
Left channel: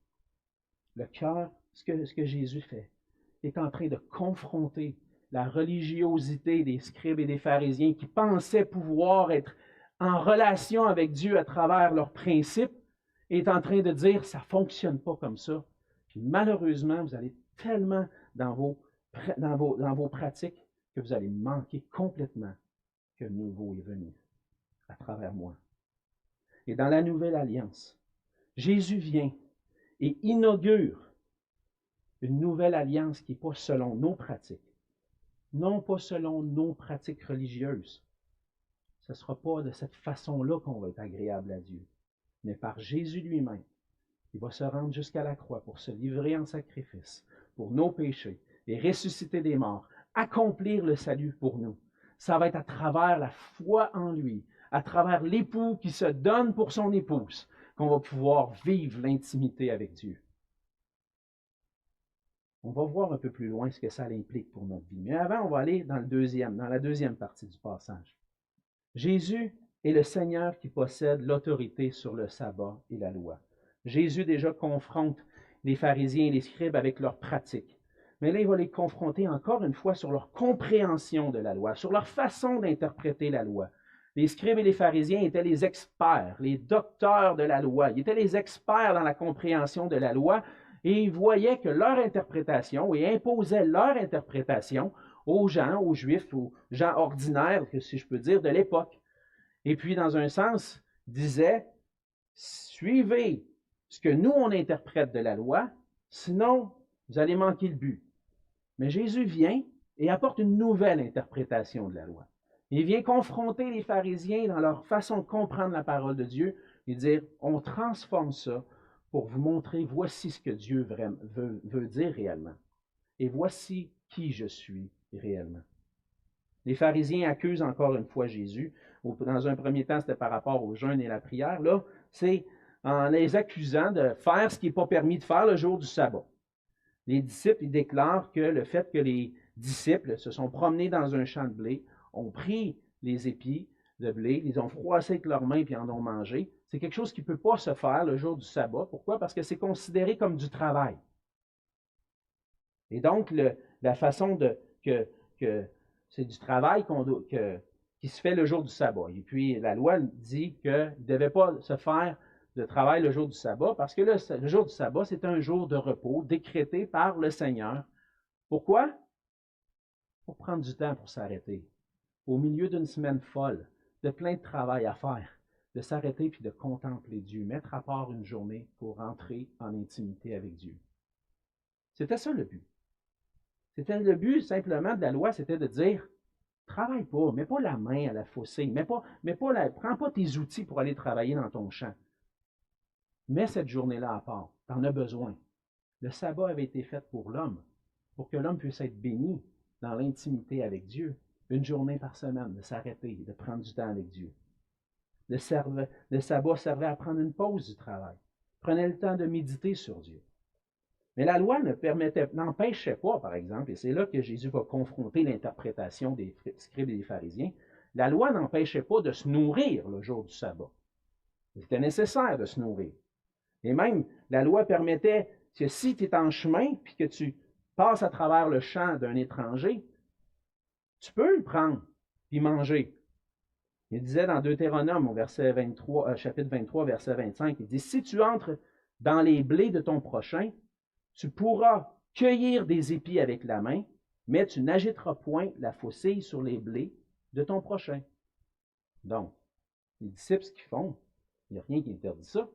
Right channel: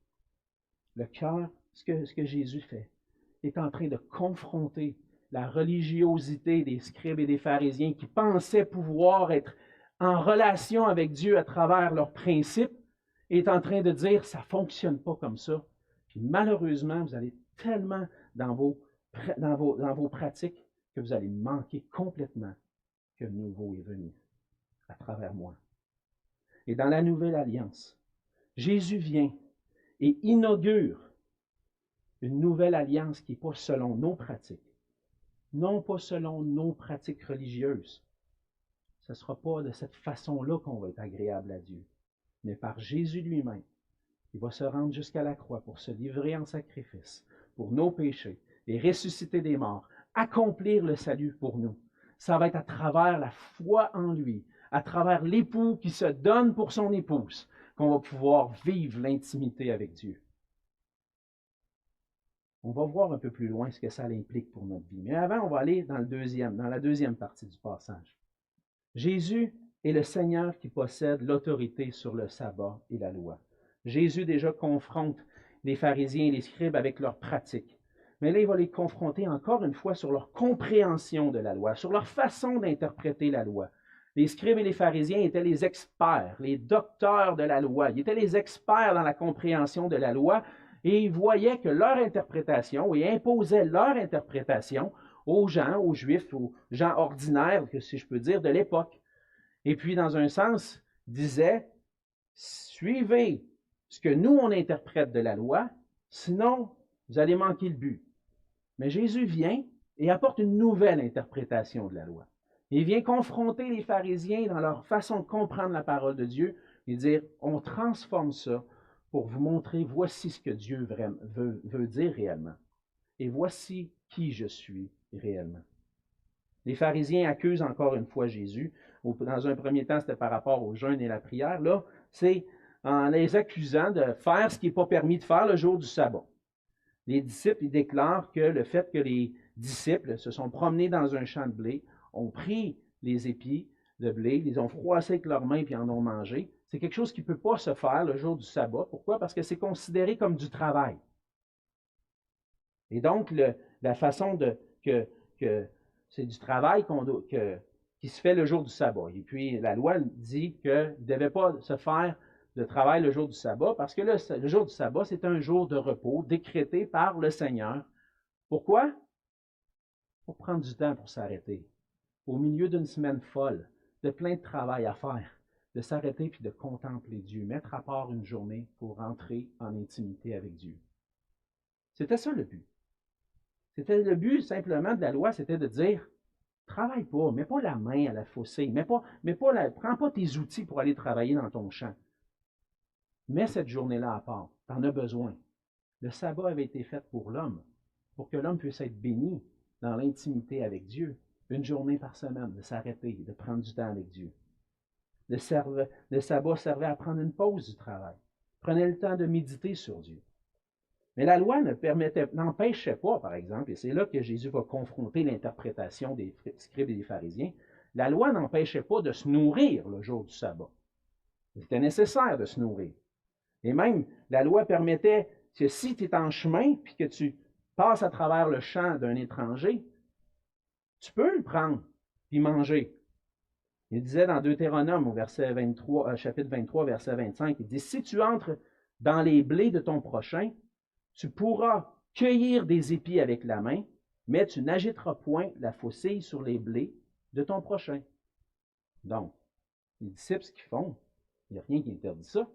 Le cœur, ce que Jésus fait, est en train de confronter la religiosité des scribes et des pharisiens qui pensaient pouvoir être en relation avec Dieu à travers leurs principes, et est en train de dire, ça ne fonctionne pas comme ça. Puis malheureusement, vous allez tellement dans vos pratiques que vous allez manquer complètement que le nouveau est venu à travers moi. Et dans la nouvelle alliance, Jésus vient et inaugure une nouvelle alliance qui n'est pas selon nos pratiques, non pas selon nos pratiques religieuses. Ce ne sera pas de cette façon-là qu'on va être agréable à Dieu, mais par Jésus lui-même. Il va se rendre jusqu'à la croix pour se livrer en sacrifice pour nos péchés et ressusciter des morts, accomplir le salut pour nous. Ça va être à travers la foi en lui, à travers l'époux qui se donne pour son épouse, qu'on va pouvoir vivre l'intimité avec Dieu. On va voir un peu plus loin ce que ça implique pour notre vie. Mais avant, on va aller dans la deuxième partie du passage. Jésus est le Seigneur qui possède l'autorité sur le sabbat et la loi. Jésus déjà confronte les pharisiens et les scribes avec leurs pratiques. Mais là, il va les confronter encore une fois sur leur compréhension de la loi, sur leur façon d'interpréter la loi. Les scribes et les pharisiens étaient les experts, les docteurs de la loi. Ils étaient les experts dans la compréhension de la loi et ils voyaient que leur interprétation, et imposaient leur interprétation aux gens, aux Juifs, aux gens ordinaires, si je peux dire, de l'époque. Et puis, dans un sens, disaient, suivez ce que nous, on interprète de la loi, sinon, vous allez manquer le but. Mais Jésus vient et apporte une nouvelle interprétation de la loi. Il vient confronter les pharisiens dans leur façon de comprendre la parole de Dieu et dire, on transforme ça pour vous montrer, voici ce que Dieu veut dire réellement. Et voici qui je suis réellement. Les pharisiens accusent encore une fois Jésus. Dans un premier temps, c'était par rapport au jeûne et la prière. Là, c'est en les accusant de faire ce qui n'est pas permis de faire le jour du sabbat. Les disciples ils déclarent que le fait que les disciples se sont promenés dans un champ de blé, ont pris les épis de blé, les ont froissés avec leurs mains puis en ont mangé, c'est quelque chose qui ne peut pas se faire le jour du sabbat. Pourquoi? Parce que c'est considéré comme du travail. Et donc, la façon que c'est du travail qui se fait le jour du sabbat. Et puis, la loi dit qu'il ne devait pas se faire de travail le jour du sabbat parce que le jour du sabbat, c'est un jour de repos décrété par le Seigneur. Pourquoi? Pour prendre du temps pour s'arrêter. Au milieu d'une semaine folle, de plein de travail à faire, de s'arrêter puis de contempler Dieu, mettre à part une journée pour entrer en intimité avec Dieu. C'était ça le but. C'était le but simplement de la loi, c'était de dire, travaille pas, mets pas la main à la faucille, prends pas tes outils pour aller travailler dans ton champ. Mets cette journée-là à part, tu en as besoin. Le sabbat avait été fait pour l'homme, pour que l'homme puisse être béni dans l'intimité avec Dieu. Une journée par semaine, de s'arrêter, de prendre du temps avec Dieu. Le sabbat servait à prendre une pause du travail. Prenez le temps de méditer sur Dieu. Mais la loi n'empêchait pas, par exemple, et c'est là que Jésus va confronter l'interprétation des scribes et des pharisiens, la loi n'empêchait pas de se nourrir le jour du sabbat. C'était nécessaire de se nourrir. Et même, la loi permettait que si tu es en chemin puis que tu passes à travers le champ d'un étranger, tu peux le prendre puis manger. Il disait dans Deutéronome, au verset 23, chapitre 23, verset 25, il dit, « Si tu entres dans les blés de ton prochain, tu pourras cueillir des épis avec la main, mais tu n'agiteras point la faucille sur les blés de ton prochain. » Donc, les disciples, ce qu'ils font, il n'y a rien qui interdit ça.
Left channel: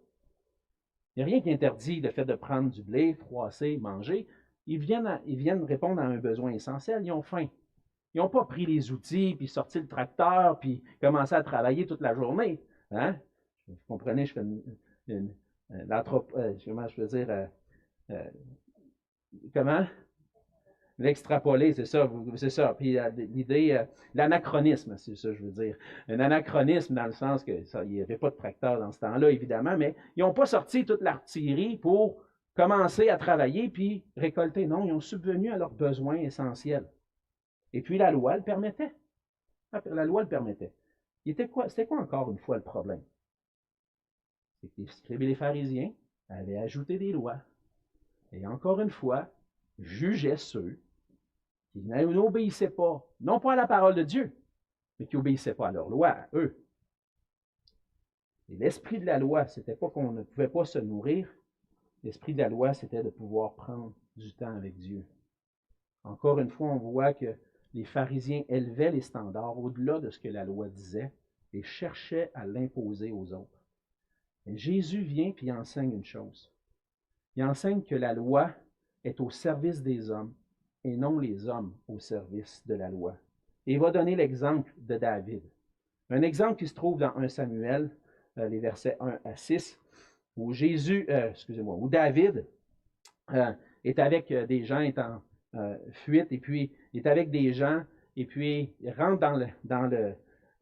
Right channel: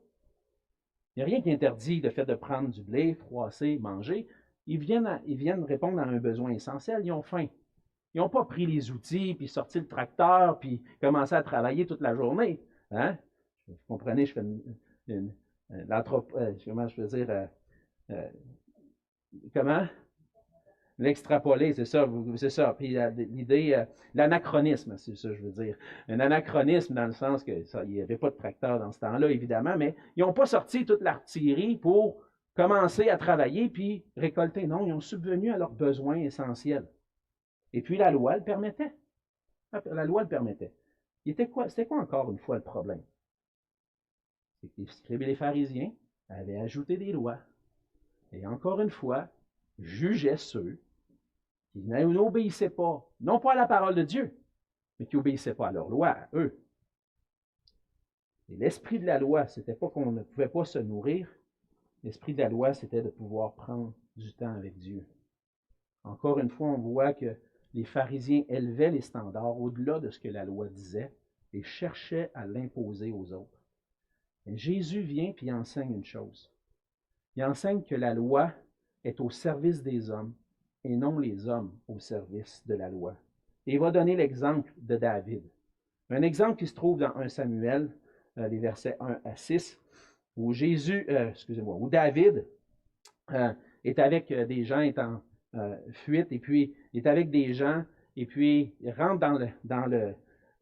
Il n'y a rien qui interdit le fait de prendre du blé, froisser, manger. Ils viennent répondre à un besoin essentiel. Ils ont faim. Ils n'ont pas pris les outils, puis sorti le tracteur, puis commencé à travailler toute la journée. Hein? Vous comprenez, je fais comment je veux dire, comment? L'extrapoler, c'est ça. Puis l'idée, l'anachronisme, c'est ça, je veux dire. Un anachronisme dans le sens qu'il n'y avait pas de tracteur dans ce temps-là, évidemment, mais ils n'ont pas sorti toute l'artillerie pour commencer à travailler puis récolter. Non, ils ont subvenu à leurs besoins essentiels. Et puis la loi le permettait. La loi le permettait. C'était quoi encore une fois le problème? C'est que les scribes et les pharisiens avaient ajouté des lois. Et encore une fois, jugeaient ceux qui n'obéissaient pas, non pas à la parole de Dieu, mais qui n'obéissaient pas à leur loi, à eux. Et l'esprit de la loi, ce n'était pas qu'on ne pouvait pas se nourrir. L'esprit de la loi, c'était de pouvoir prendre du temps avec Dieu. Encore une fois, on voit que les pharisiens élevaient les standards au-delà de ce que la loi disait et cherchaient à l'imposer aux autres. Et Jésus vient et enseigne une chose. Il enseigne que la loi est au service des hommes et non les hommes au service de la loi. Et il va donner l'exemple de David. Un exemple qui se trouve dans 1 Samuel, les versets 1 à 6, où David est avec des gens, est en fuite, et puis il est avec des gens, et puis il rentre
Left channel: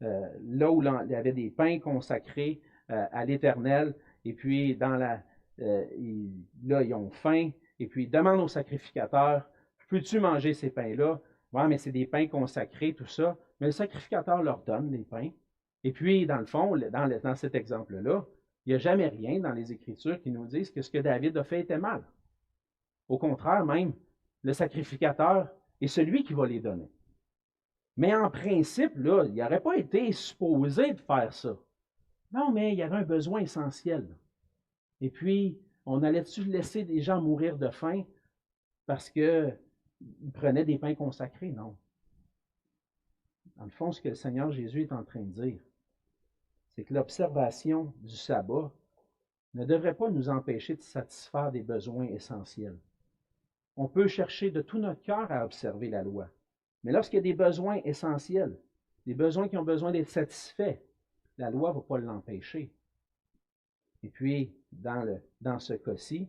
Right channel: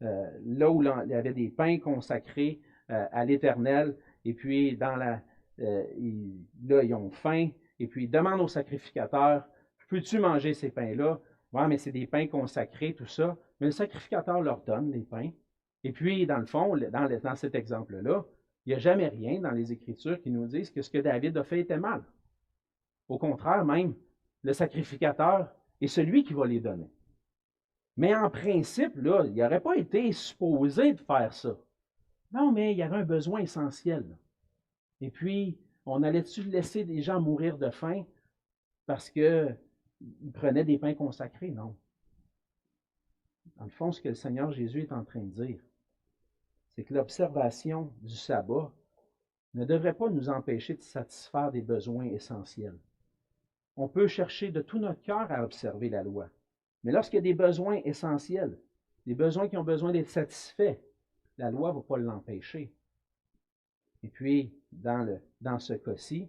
là où il y avait des pains consacrés à l'Éternel, et puis là, ils ont faim, et puis ils demandent au sacrificateur, « Peux-tu manger ces pains-là? » Ouais, mais c'est des pains consacrés, tout ça. Mais le sacrificateur leur donne les pains. Et puis, dans le fond, dans cet exemple-là, il n'y a jamais rien dans les Écritures qui nous disent que ce que David a fait était mal. Au contraire, même, le sacrificateur est celui qui va les donner. Mais en principe, là, il n'aurait pas été supposé de faire ça. Non, mais il y avait un besoin essentiel. Et puis, on allait-tu laisser des gens mourir de faim parce qu'ils prenaient des pains consacrés? Non. Dans le fond, ce que le Seigneur Jésus est en train de dire, c'est que l'observation du sabbat ne devrait pas nous empêcher de satisfaire des besoins essentiels. On peut chercher de tout notre cœur à observer la loi. Mais lorsqu'il y a des besoins essentiels, des besoins qui ont besoin d'être satisfaits, la loi ne va pas l'empêcher. Et puis, dans ce cas-ci,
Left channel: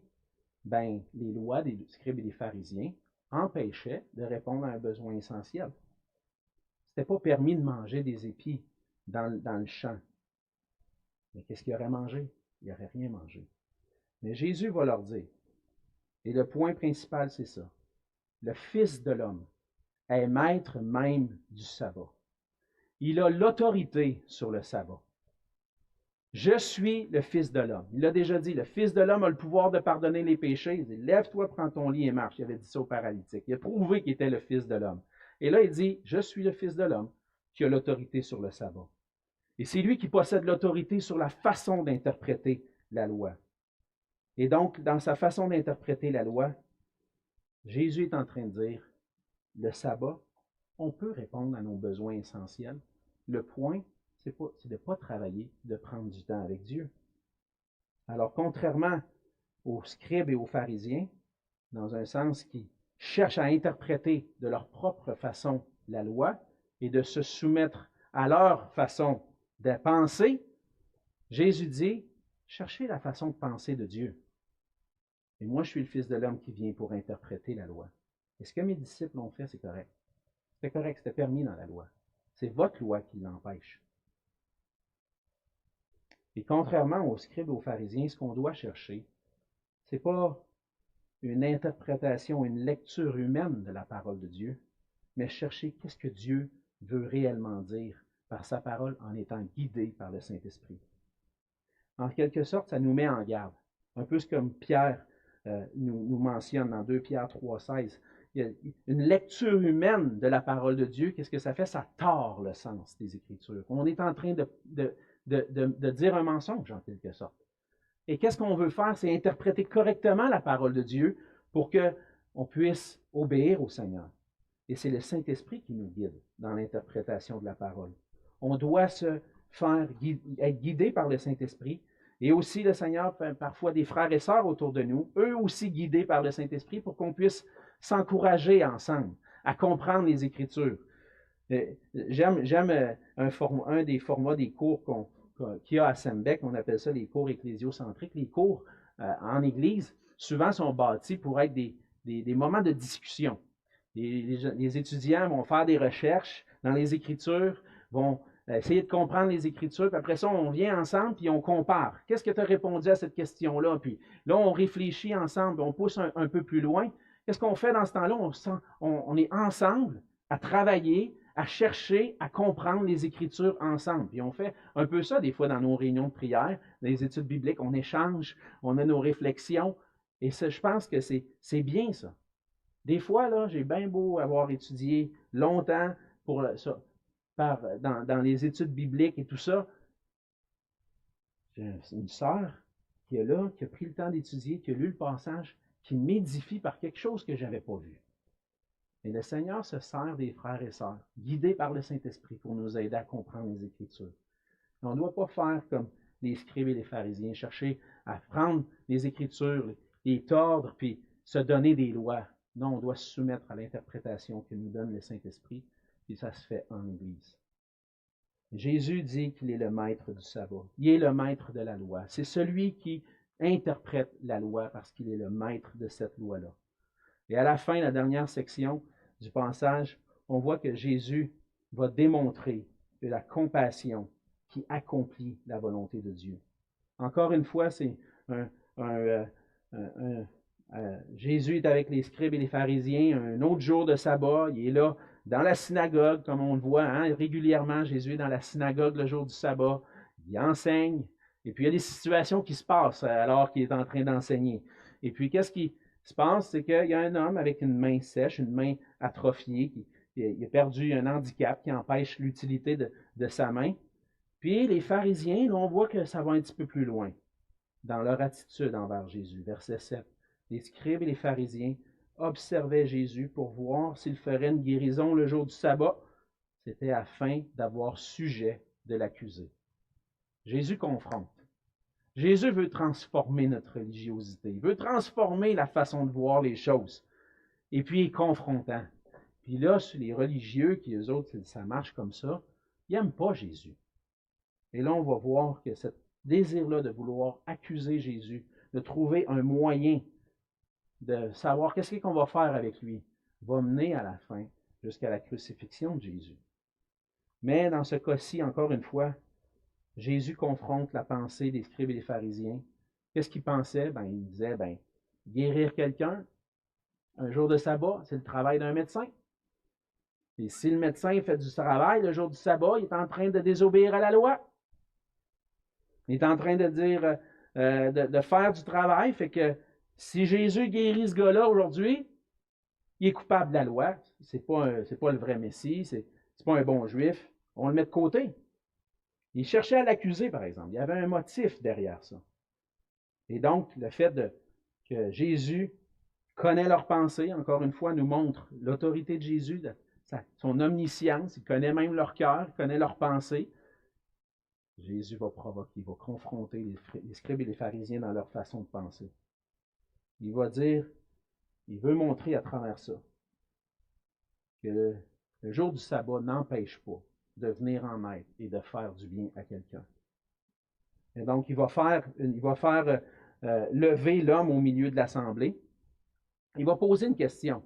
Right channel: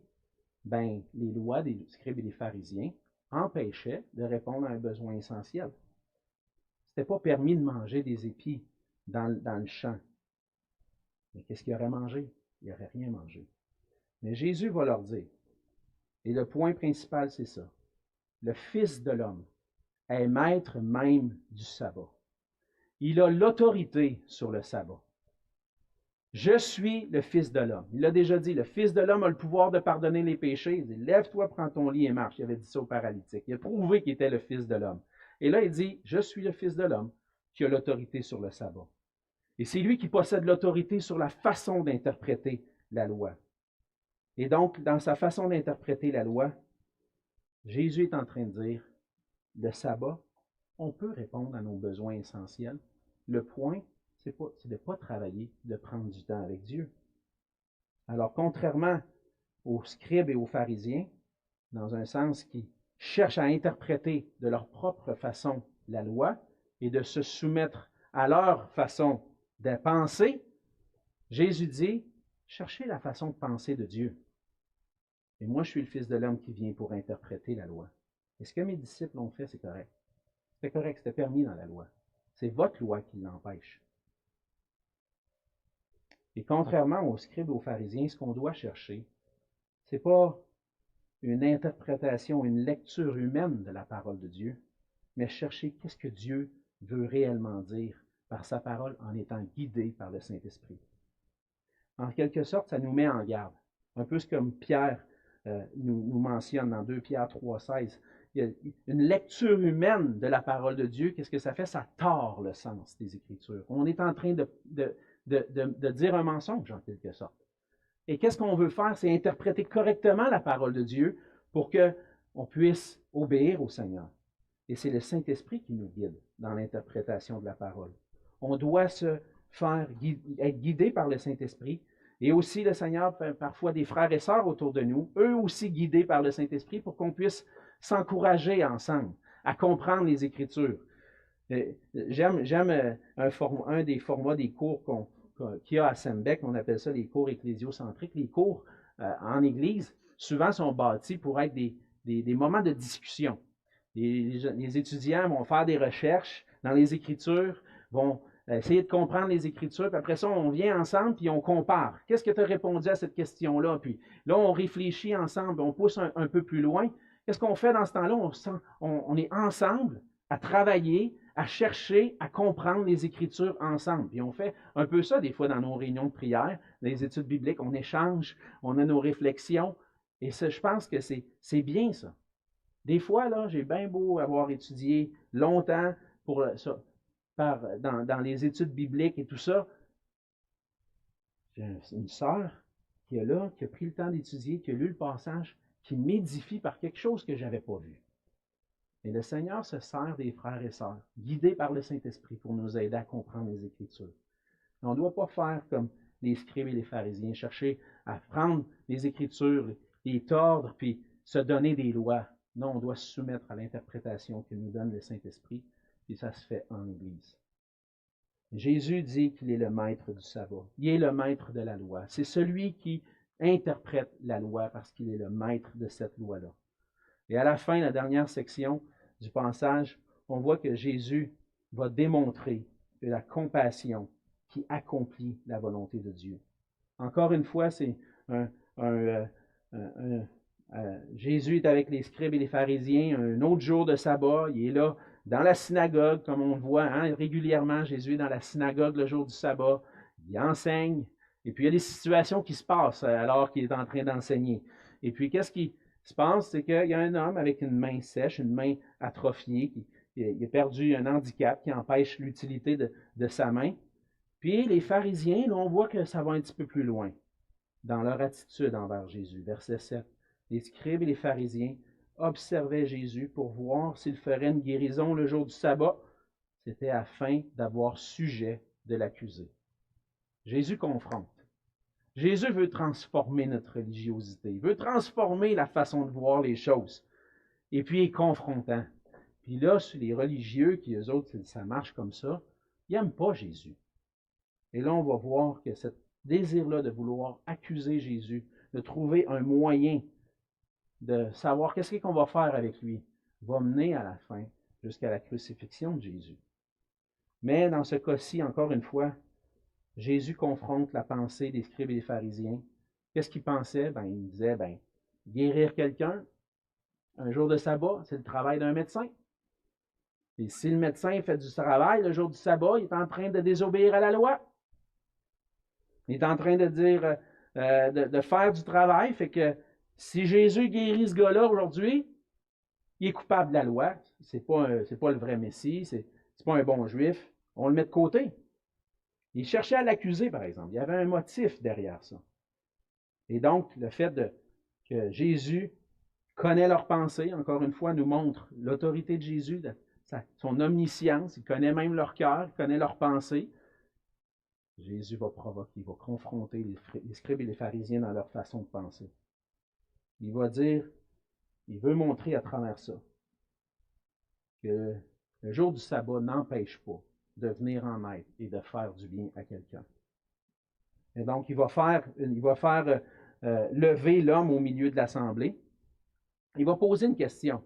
les lois des scribes et des pharisiens empêchaient de répondre à un besoin essentiel. Ce n'était pas permis de manger des épis dans le champ. Mais qu'est-ce qu'ils auraient mangé? Ils n'auraient rien mangé. Mais Jésus va leur dire, et le point principal, c'est ça, le Fils de l'homme est maître même du sabbat. Il a l'autorité sur le sabbat. Je suis le Fils de l'homme. Il l'a déjà dit, le Fils de l'homme a le pouvoir de pardonner les péchés. Il dit, lève-toi, prends ton lit et marche. Il avait dit ça au paralytique. Il a prouvé qu'il était le Fils de l'homme. Et là, il dit, je suis le Fils de l'homme qui a l'autorité sur le sabbat. Et c'est lui qui possède l'autorité sur la façon d'interpréter la loi. Et donc, dans sa façon d'interpréter la loi, Jésus est en train de dire, le sabbat, on peut répondre à nos besoins essentiels. Le point, c'est de ne pas travailler, de prendre du temps avec Dieu. Alors, contrairement aux scribes et aux pharisiens, dans un sens qui cherchent à interpréter de leur propre façon la loi et de se soumettre à leur façon de penser, Jésus dit, cherchez la façon de penser de Dieu. Et moi, je suis le Fils de l'homme qui vient pour interpréter la loi. Et ce que mes disciples ont fait, c'est correct. C'était correct, c'était permis dans la loi. C'est votre loi qui l'empêche. Et contrairement aux scribes et aux pharisiens, ce qu'on doit chercher, ce n'est pas une interprétation, une lecture humaine de la parole de Dieu, mais chercher qu'est-ce que Dieu veut réellement dire par sa parole en étant guidé par le Saint-Esprit. En quelque sorte, ça nous met en garde. Un peu comme Pierre nous mentionne dans 2 Pierre 3,16. Il y a une lecture humaine de la parole de Dieu, qu'est-ce que ça fait? Ça tord le sens des Écritures. On est en train de dire un mensonge, en quelque sorte. Et qu'est-ce qu'on veut faire? C'est interpréter correctement la parole de Dieu pour qu'on puisse obéir au Seigneur. Et c'est le Saint-Esprit qui nous guide dans l'interprétation de la parole. On doit être guidé par le Saint-Esprit. Et aussi, le Seigneur fait parfois des frères et sœurs autour de nous, eux aussi guidés par le Saint-Esprit pour qu'on puisse s'encourager ensemble à comprendre les Écritures. J'aime un des formats des cours qu'il y a à Sembec, on appelle ça les cours ecclésiocentriques. Les cours en Église, souvent, sont bâtis pour être des moments de discussion. Les étudiants vont faire des recherches dans les Écritures, vont essayer de comprendre les Écritures, puis après ça, on vient ensemble, puis on compare. Qu'est-ce que tu as répondu à cette question-là? Puis là, on réfléchit ensemble, on pousse un peu plus loin. Qu'est-ce qu'on fait dans ce temps-là? On est ensemble à travailler, à chercher, à comprendre les Écritures ensemble. Puis on fait un peu ça des fois dans nos réunions de prière, dans les études bibliques, on échange, on a nos réflexions. Et ça, je pense que c'est bien ça. Des fois, là, j'ai bien beau avoir étudié longtemps pour ça, dans les études bibliques et tout ça. J'ai une sœur qui est là, qui a pris le temps d'étudier, qui a lu le passage, qui m'édifie par quelque chose que je n'avais pas vu. Et le Seigneur se sert des frères et sœurs, guidés par le Saint-Esprit pour nous aider à comprendre les Écritures. Et on ne doit pas faire comme les scribes et les pharisiens, chercher à prendre les Écritures, les tordre, puis se donner des lois. Non, on doit se soumettre à l'interprétation que nous donne le Saint-Esprit, puis ça se fait en Église. Jésus dit qu'il est le maître du sabbat. Il est le maître de la loi. C'est celui qui interprète la loi parce qu'il est le maître de cette loi-là. Et à la fin, la dernière section du passage, on voit que Jésus va démontrer de la compassion qui accomplit la volonté de Dieu. Encore une fois, c'est Jésus est avec les scribes et les pharisiens un autre jour de sabbat. Il est là dans la synagogue, comme on le voit régulièrement. Jésus est dans la synagogue le jour du sabbat. Il enseigne. Et puis, il y a des situations qui se passent alors qu'il est en train d'enseigner. Et puis, qu'est-ce qui se passe? C'est qu'il y a un homme avec une main sèche, une main atrophiée, il a perdu un handicap qui empêche l'utilité de sa main. Puis, les pharisiens, là, on voit que ça va un petit peu plus loin dans leur attitude envers Jésus. Verset 7. Les scribes et les pharisiens observaient Jésus pour voir s'il ferait une guérison le jour du sabbat. C'était afin d'avoir sujet de l'accuser. Jésus confronte. Jésus veut transformer notre religiosité. Il veut transformer la façon de voir les choses. Et puis, il est confrontant. Puis là, les religieux, qui eux autres, ça marche comme ça, ils n'aiment pas Jésus. Et là, on va voir que ce désir-là de vouloir accuser Jésus, de trouver un moyen de savoir qu'est-ce qu'on va faire avec lui, va mener à la fin jusqu'à la crucifixion de Jésus. Mais dans ce cas-ci, encore une fois, Jésus confronte la pensée des scribes et des pharisiens. Qu'est-ce qu'ils pensaient? Ils disaient, guérir quelqu'un, un jour de sabbat, c'est le travail d'un médecin. Et si le médecin fait du travail le jour du sabbat, il est en train de désobéir à la loi. Il est en train de dire, de faire du travail, fait que si Jésus guérit ce gars-là aujourd'hui, il est coupable de la loi. C'est pas le vrai Messie, c'est pas un bon juif. On le met de côté. Il cherchait à l'accuser, par exemple. Il y avait un motif derrière ça. Et donc, le fait que Jésus connaît leurs pensées, encore une fois, nous montre l'autorité de Jésus, son omniscience. Il connaît même leur cœur, il connaît leurs pensées. Jésus va provoquer, il va confronter les scribes et les pharisiens dans leur façon de penser. Il va dire, il veut montrer à travers ça que le jour du sabbat n'empêche pas de venir en aide et de faire du bien à quelqu'un. Et donc, il va faire lever l'homme au milieu de l'assemblée. Il va poser une question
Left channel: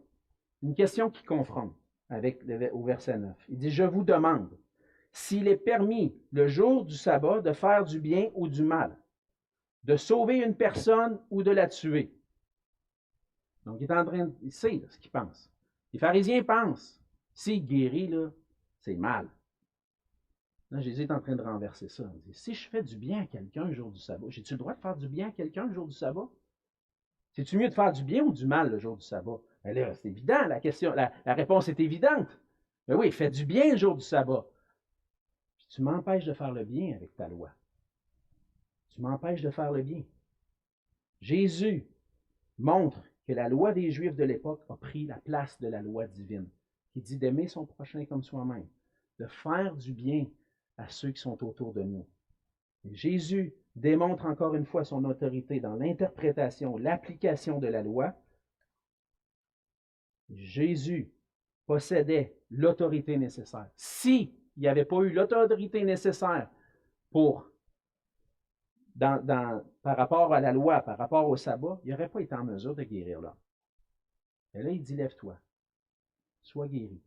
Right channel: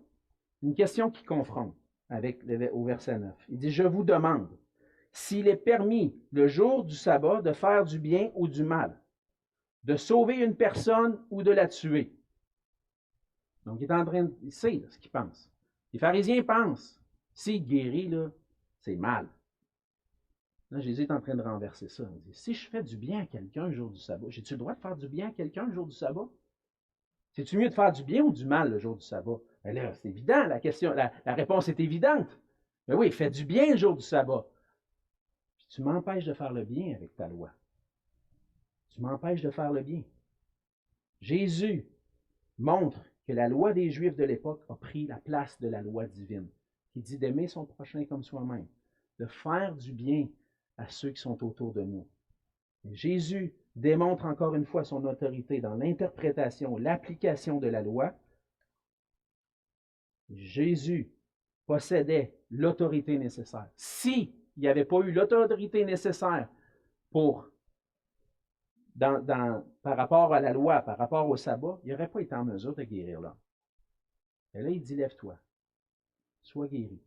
qui confronte au verset 9. Il dit, « Je vous demande s'il est permis le jour du sabbat de faire du bien ou du mal, de sauver une personne ou de la tuer. » Donc, il sait ce qu'il pense. Les pharisiens pensent, s'il guérit, là, c'est mal. Là, Jésus est en train de renverser ça. Il dit, si je fais du bien à quelqu'un le jour du sabbat, j'ai-tu le droit de faire du bien à quelqu'un le jour du sabbat? C'est-tu mieux de faire du bien ou du mal le jour du sabbat? Ben là, c'est évident, la réponse est évidente. Mais oui, fais du bien le jour du sabbat. Puis tu m'empêches de faire le bien avec ta loi. Tu m'empêches de faire le bien. Jésus montre que la loi des Juifs de l'époque a pris la place de la loi divine, qui dit d'aimer son prochain comme soi-même, de faire du bien à ceux qui sont autour de nous. Et Jésus démontre encore une fois son autorité dans l'interprétation, l'application de la loi. Jésus possédait l'autorité nécessaire. S'il n'y avait pas eu l'autorité nécessaire par rapport à la loi, par rapport au sabbat, il n'aurait pas été en mesure de guérir l'homme. Et là, il dit, lève-toi, sois guéri.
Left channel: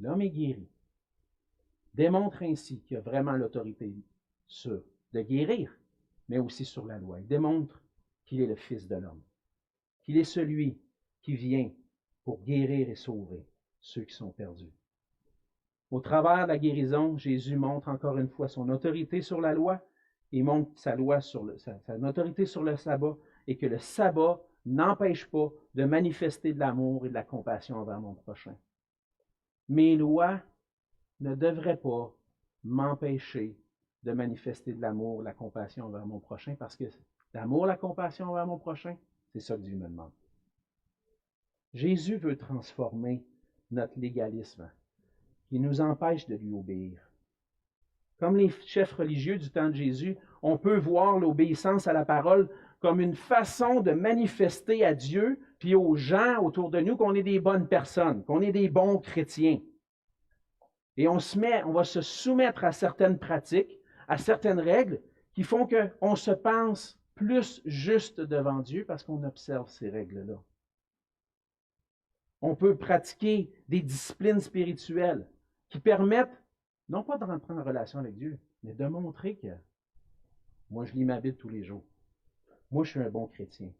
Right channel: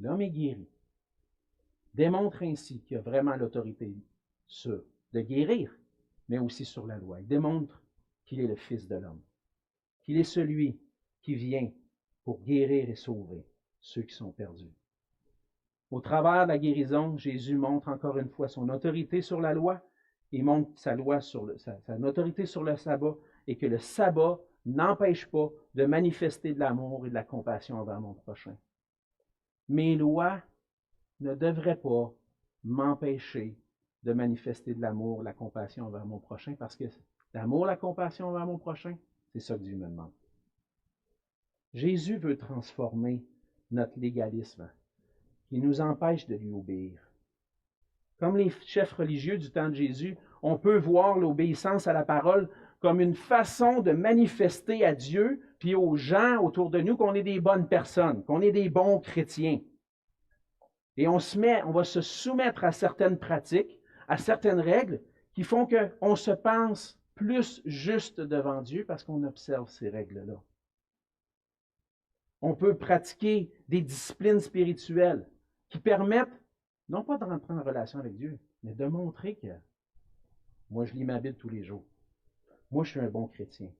L'homme est guéri. Démontre ainsi qu'il a vraiment l'autorité de guérir, mais aussi sur la loi. Il démontre qu'il est le Fils de l'homme, qu'il est celui qui vient pour guérir et sauver ceux qui sont perdus. Au travers de la guérison, Jésus montre encore une fois son autorité sur la loi et montre sa autorité sur le sabbat et que le sabbat n'empêche pas de manifester de l'amour et de la compassion envers mon prochain. Mes lois ne devraient pas m'empêcher de manifester de l'amour, de la compassion envers mon prochain, parce que l'amour, la compassion envers mon prochain, c'est ça que Dieu me demande. Jésus veut transformer notre légalisme qui nous empêche de lui obéir. Comme les chefs religieux du temps de Jésus, on peut voir l'obéissance à la parole comme une façon de manifester à Dieu puis aux gens autour de nous qu'on est des bonnes personnes, qu'on est des bons chrétiens. Et on va se soumettre à certaines pratiques, à certaines règles qui font qu'on se pense plus juste devant Dieu parce qu'on observe ces règles-là. On peut pratiquer des disciplines spirituelles qui permettent, non pas de rentrer en relation avec Dieu, mais de montrer que moi, je lis ma Bible tous les jours. Moi, je suis un bon chrétien.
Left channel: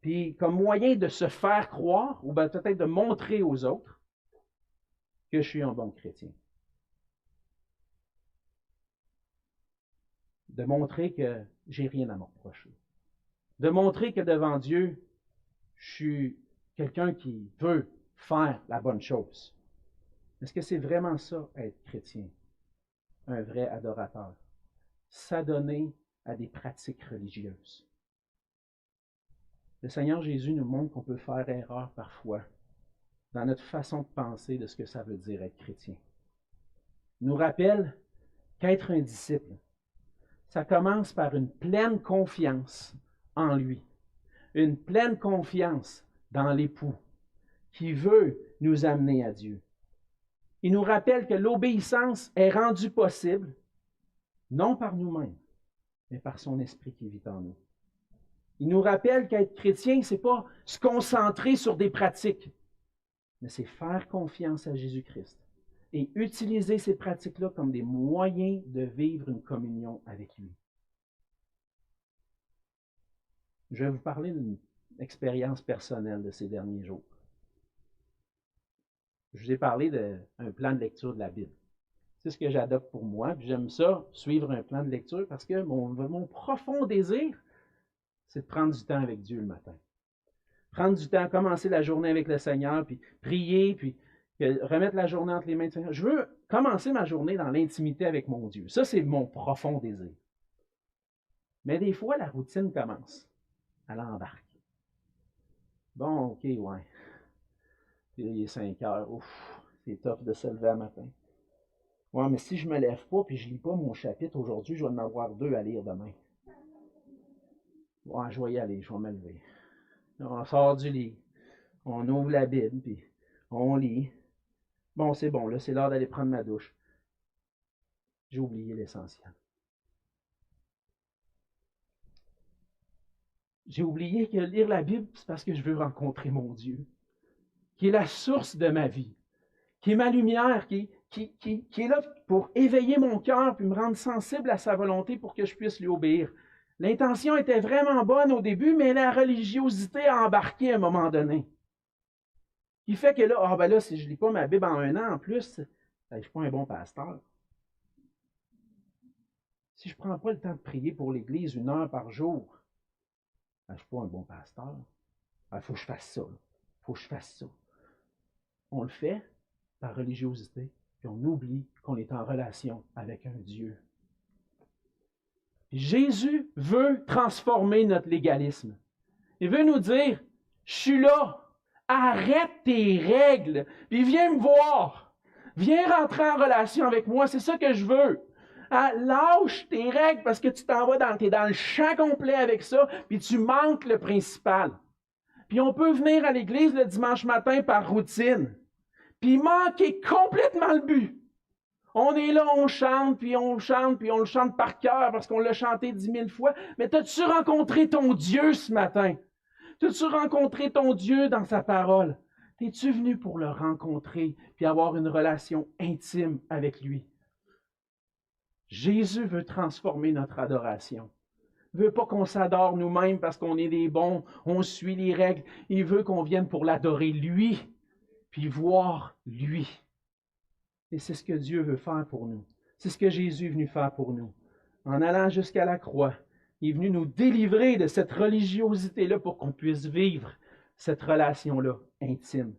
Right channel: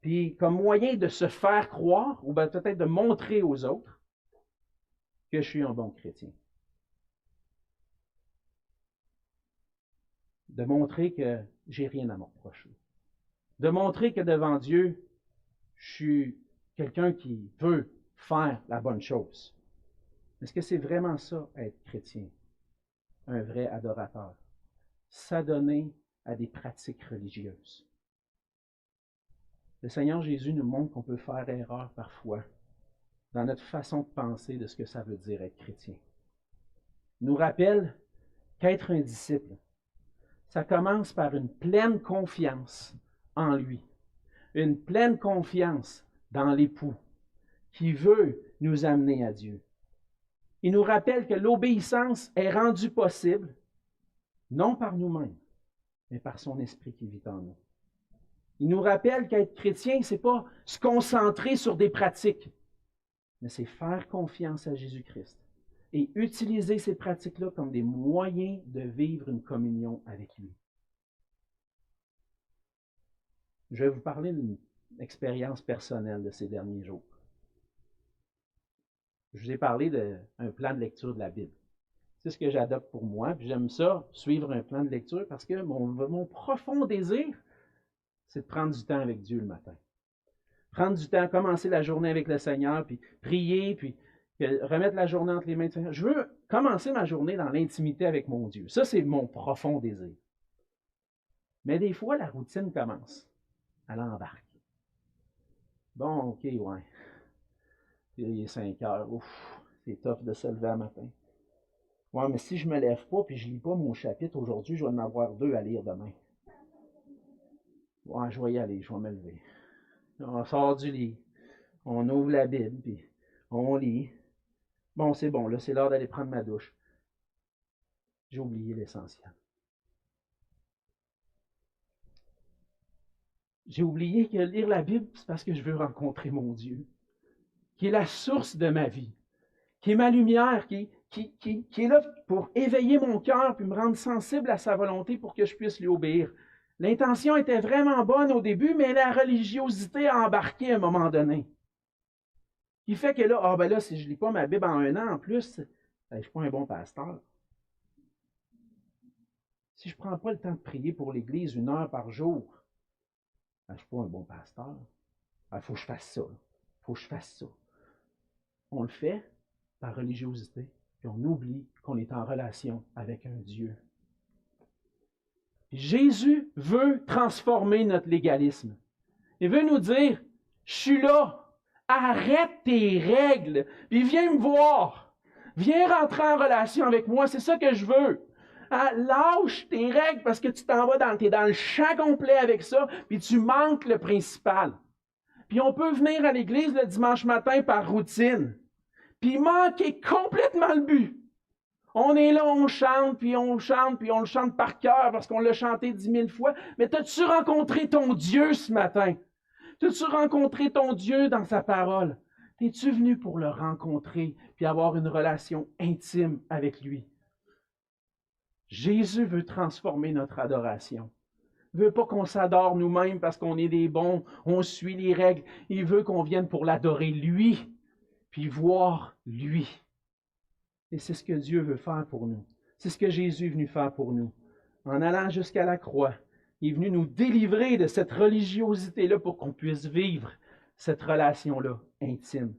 Puis, comme moyen de se faire croire, ou bien peut-être de montrer aux autres que je suis un bon chrétien. De montrer que j'ai rien à me reprocher. De montrer que devant Dieu, je suis quelqu'un qui veut faire la bonne chose. Est-ce que c'est vraiment ça, être chrétien? Un vrai adorateur. S'adonner à des pratiques religieuses. Le Seigneur Jésus nous montre qu'on peut faire erreur parfois dans notre façon de penser de ce que ça veut dire être chrétien. Il nous rappelle qu'être un disciple, ça commence par une pleine confiance en lui, une pleine confiance dans l'époux qui veut nous amener à Dieu. Il nous rappelle que l'obéissance est rendue possible, non par nous-mêmes, mais par son Esprit qui vit en nous. Il nous rappelle qu'être chrétien, ce n'est pas se concentrer sur des pratiques, mais c'est faire confiance à Jésus-Christ et utiliser ces pratiques-là comme des moyens de vivre une communion avec lui. Je vais vous parler d'une expérience personnelle de ces derniers jours. Je vous ai parlé d'un plan de lecture de la Bible. C'est ce que j'adopte pour moi. Puis j'aime ça, suivre un plan de lecture, parce que mon profond désir, c'est de prendre du temps avec Dieu le matin. Prendre du temps, commencer la journée avec le Seigneur, puis prier, puis remettre la journée entre les mains du Seigneur. Je veux commencer ma journée dans l'intimité avec mon Dieu. Ça, c'est mon profond désir. Mais des fois, la routine commence. Elle embarque. Bon, OK, ouais. Puis il est 5 heures. Ouf, c'est tough de se lever à matin. Ouais, mais si je ne me lève pas puis je ne lis pas mon chapitre aujourd'hui, je vais en avoir 2 à lire demain. Ouais, je vais y aller, je vais me lever. On sort du lit, on ouvre la Bible, puis on lit. Bon, c'est bon, là, c'est l'heure d'aller prendre ma douche. J'ai oublié l'essentiel. J'ai oublié que lire la Bible, c'est parce que je veux rencontrer mon Dieu, qui est la source de ma vie, qui est ma lumière, qui est là pour éveiller mon cœur puis me rendre sensible à sa volonté pour que je puisse lui obéir. L'intention était vraiment bonne au début, mais la religiosité a embarqué à un moment donné. Il fait que là, si je ne lis pas ma Bible en 1 an en plus, je ne suis pas un bon pasteur. Si je ne prends pas le temps de prier pour l'Église 1 heure par jour, je ne suis pas un bon pasteur. Il faut que je fasse ça. Il faut que je fasse ça. On le fait par religiosité, puis on oublie qu'on est en relation avec un Dieu. Jésus veut transformer notre légalisme. Il veut nous dire, je suis là, arrête tes règles, puis viens me voir. Viens rentrer en relation avec moi, c'est ça que je veux. Lâche tes règles parce que tu t'en vas t'es dans le champ complet avec ça, puis tu manques le principal. Puis on peut venir à l'église le dimanche matin par routine, puis manquer complètement le but. On est là, on chante, puis on le chante par cœur parce qu'on l'a chanté 10 000 fois. Mais t'as-tu rencontré ton Dieu ce matin? T'as-tu rencontré ton Dieu dans sa parole? T'es-tu venu pour le rencontrer puis avoir une relation intime avec lui? Jésus veut transformer notre adoration. Il ne veut pas qu'on s'adore nous-mêmes parce qu'on est des bons, on suit les règles. Il veut qu'on vienne pour l'adorer lui, puis voir lui. Et c'est ce que Dieu veut faire pour nous. C'est ce que Jésus est venu faire pour nous. En allant jusqu'à la croix, il est venu nous délivrer de cette religiosité-là pour qu'on puisse vivre cette relation-là intime.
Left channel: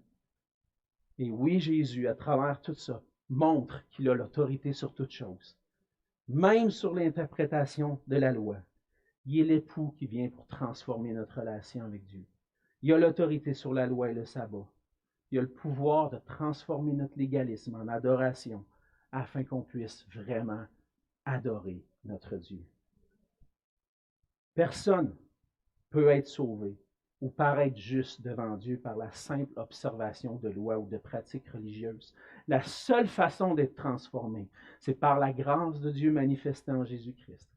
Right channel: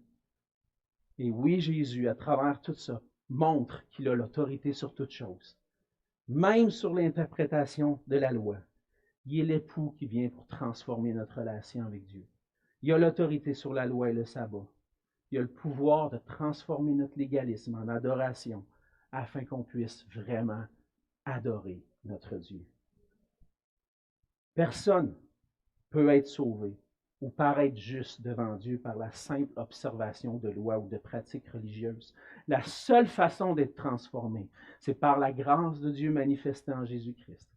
Et oui, Jésus, à travers tout ça, montre qu'il a l'autorité sur toutes choses, même sur l'interprétation de la loi. Il est l'époux qui vient pour transformer notre relation avec Dieu. Il a l'autorité sur la loi et le sabbat. Il a le pouvoir de transformer notre légalisme en adoration afin qu'on puisse vraiment adorer notre Dieu. Personne ne peut être sauvé ou paraître juste devant Dieu par la simple observation de lois ou de pratiques religieuses. La seule façon d'être transformé, c'est par la grâce de Dieu manifestée en Jésus-Christ.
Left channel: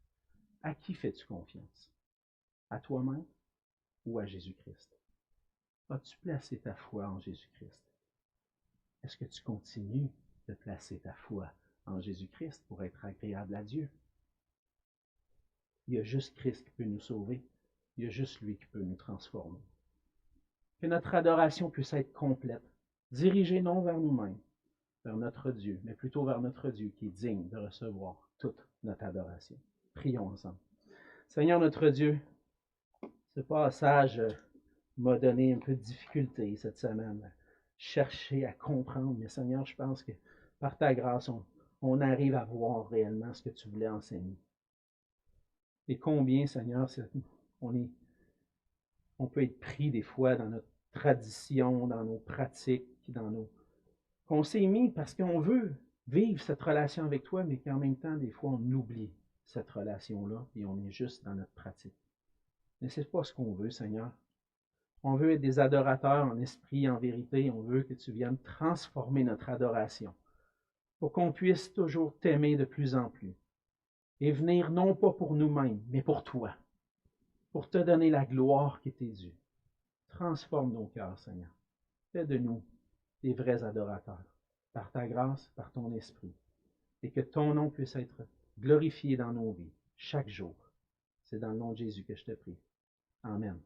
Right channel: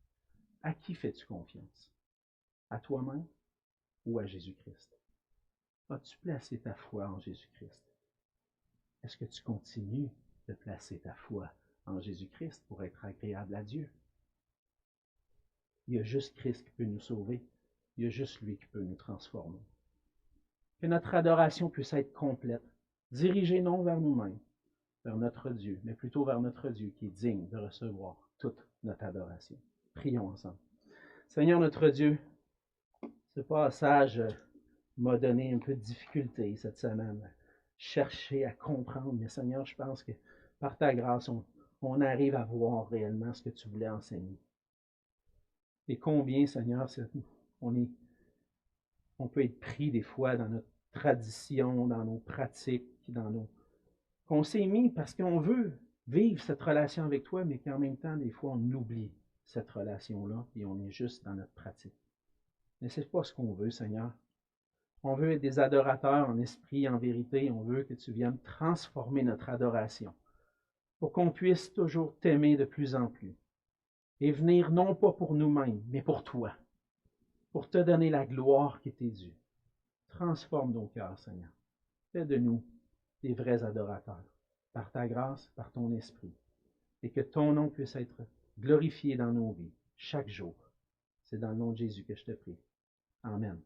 À qui fais-tu confiance? À toi-même ou à Jésus-Christ? As-tu placé ta foi en Jésus-Christ? Est-ce que tu continues de placer ta foi en Jésus-Christ pour être agréable à Dieu? Il y a juste Christ qui peut nous sauver. Il y a juste lui qui peut nous transformer. Que notre adoration puisse être complète, dirigée non vers nous-mêmes, vers notre Dieu, mais plutôt vers notre Dieu qui est digne de recevoir toute notre adoration. Prions ensemble. Seigneur notre Dieu, ce passage m'a donné un peu de difficulté cette semaine, chercher à comprendre, mais Seigneur, je pense que par ta grâce, on arrive à voir réellement ce que tu voulais enseigner. Et combien, Seigneur, on peut être pris des fois dans notre tradition, dans nos pratiques, qu'on s'est mis parce qu'on veut vivre cette relation avec toi, mais qu'en même temps, des fois, on oublie cette relation-là et on est juste dans notre pratique. Mais ce n'est pas ce qu'on veut, Seigneur. On veut être des adorateurs en esprit, en vérité. On veut que tu viennes transformer notre adoration pour qu'on puisse toujours t'aimer de plus en plus et venir non pas pour nous-mêmes, mais pour toi, pour te donner la gloire qui t'est due. Transforme nos cœurs, Seigneur. Fais de nous des vrais adorateurs, par ta grâce, par ton esprit, et que ton nom puisse être glorifié dans nos vies, chaque jour. C'est dans le nom de Jésus que je te prie. Amen.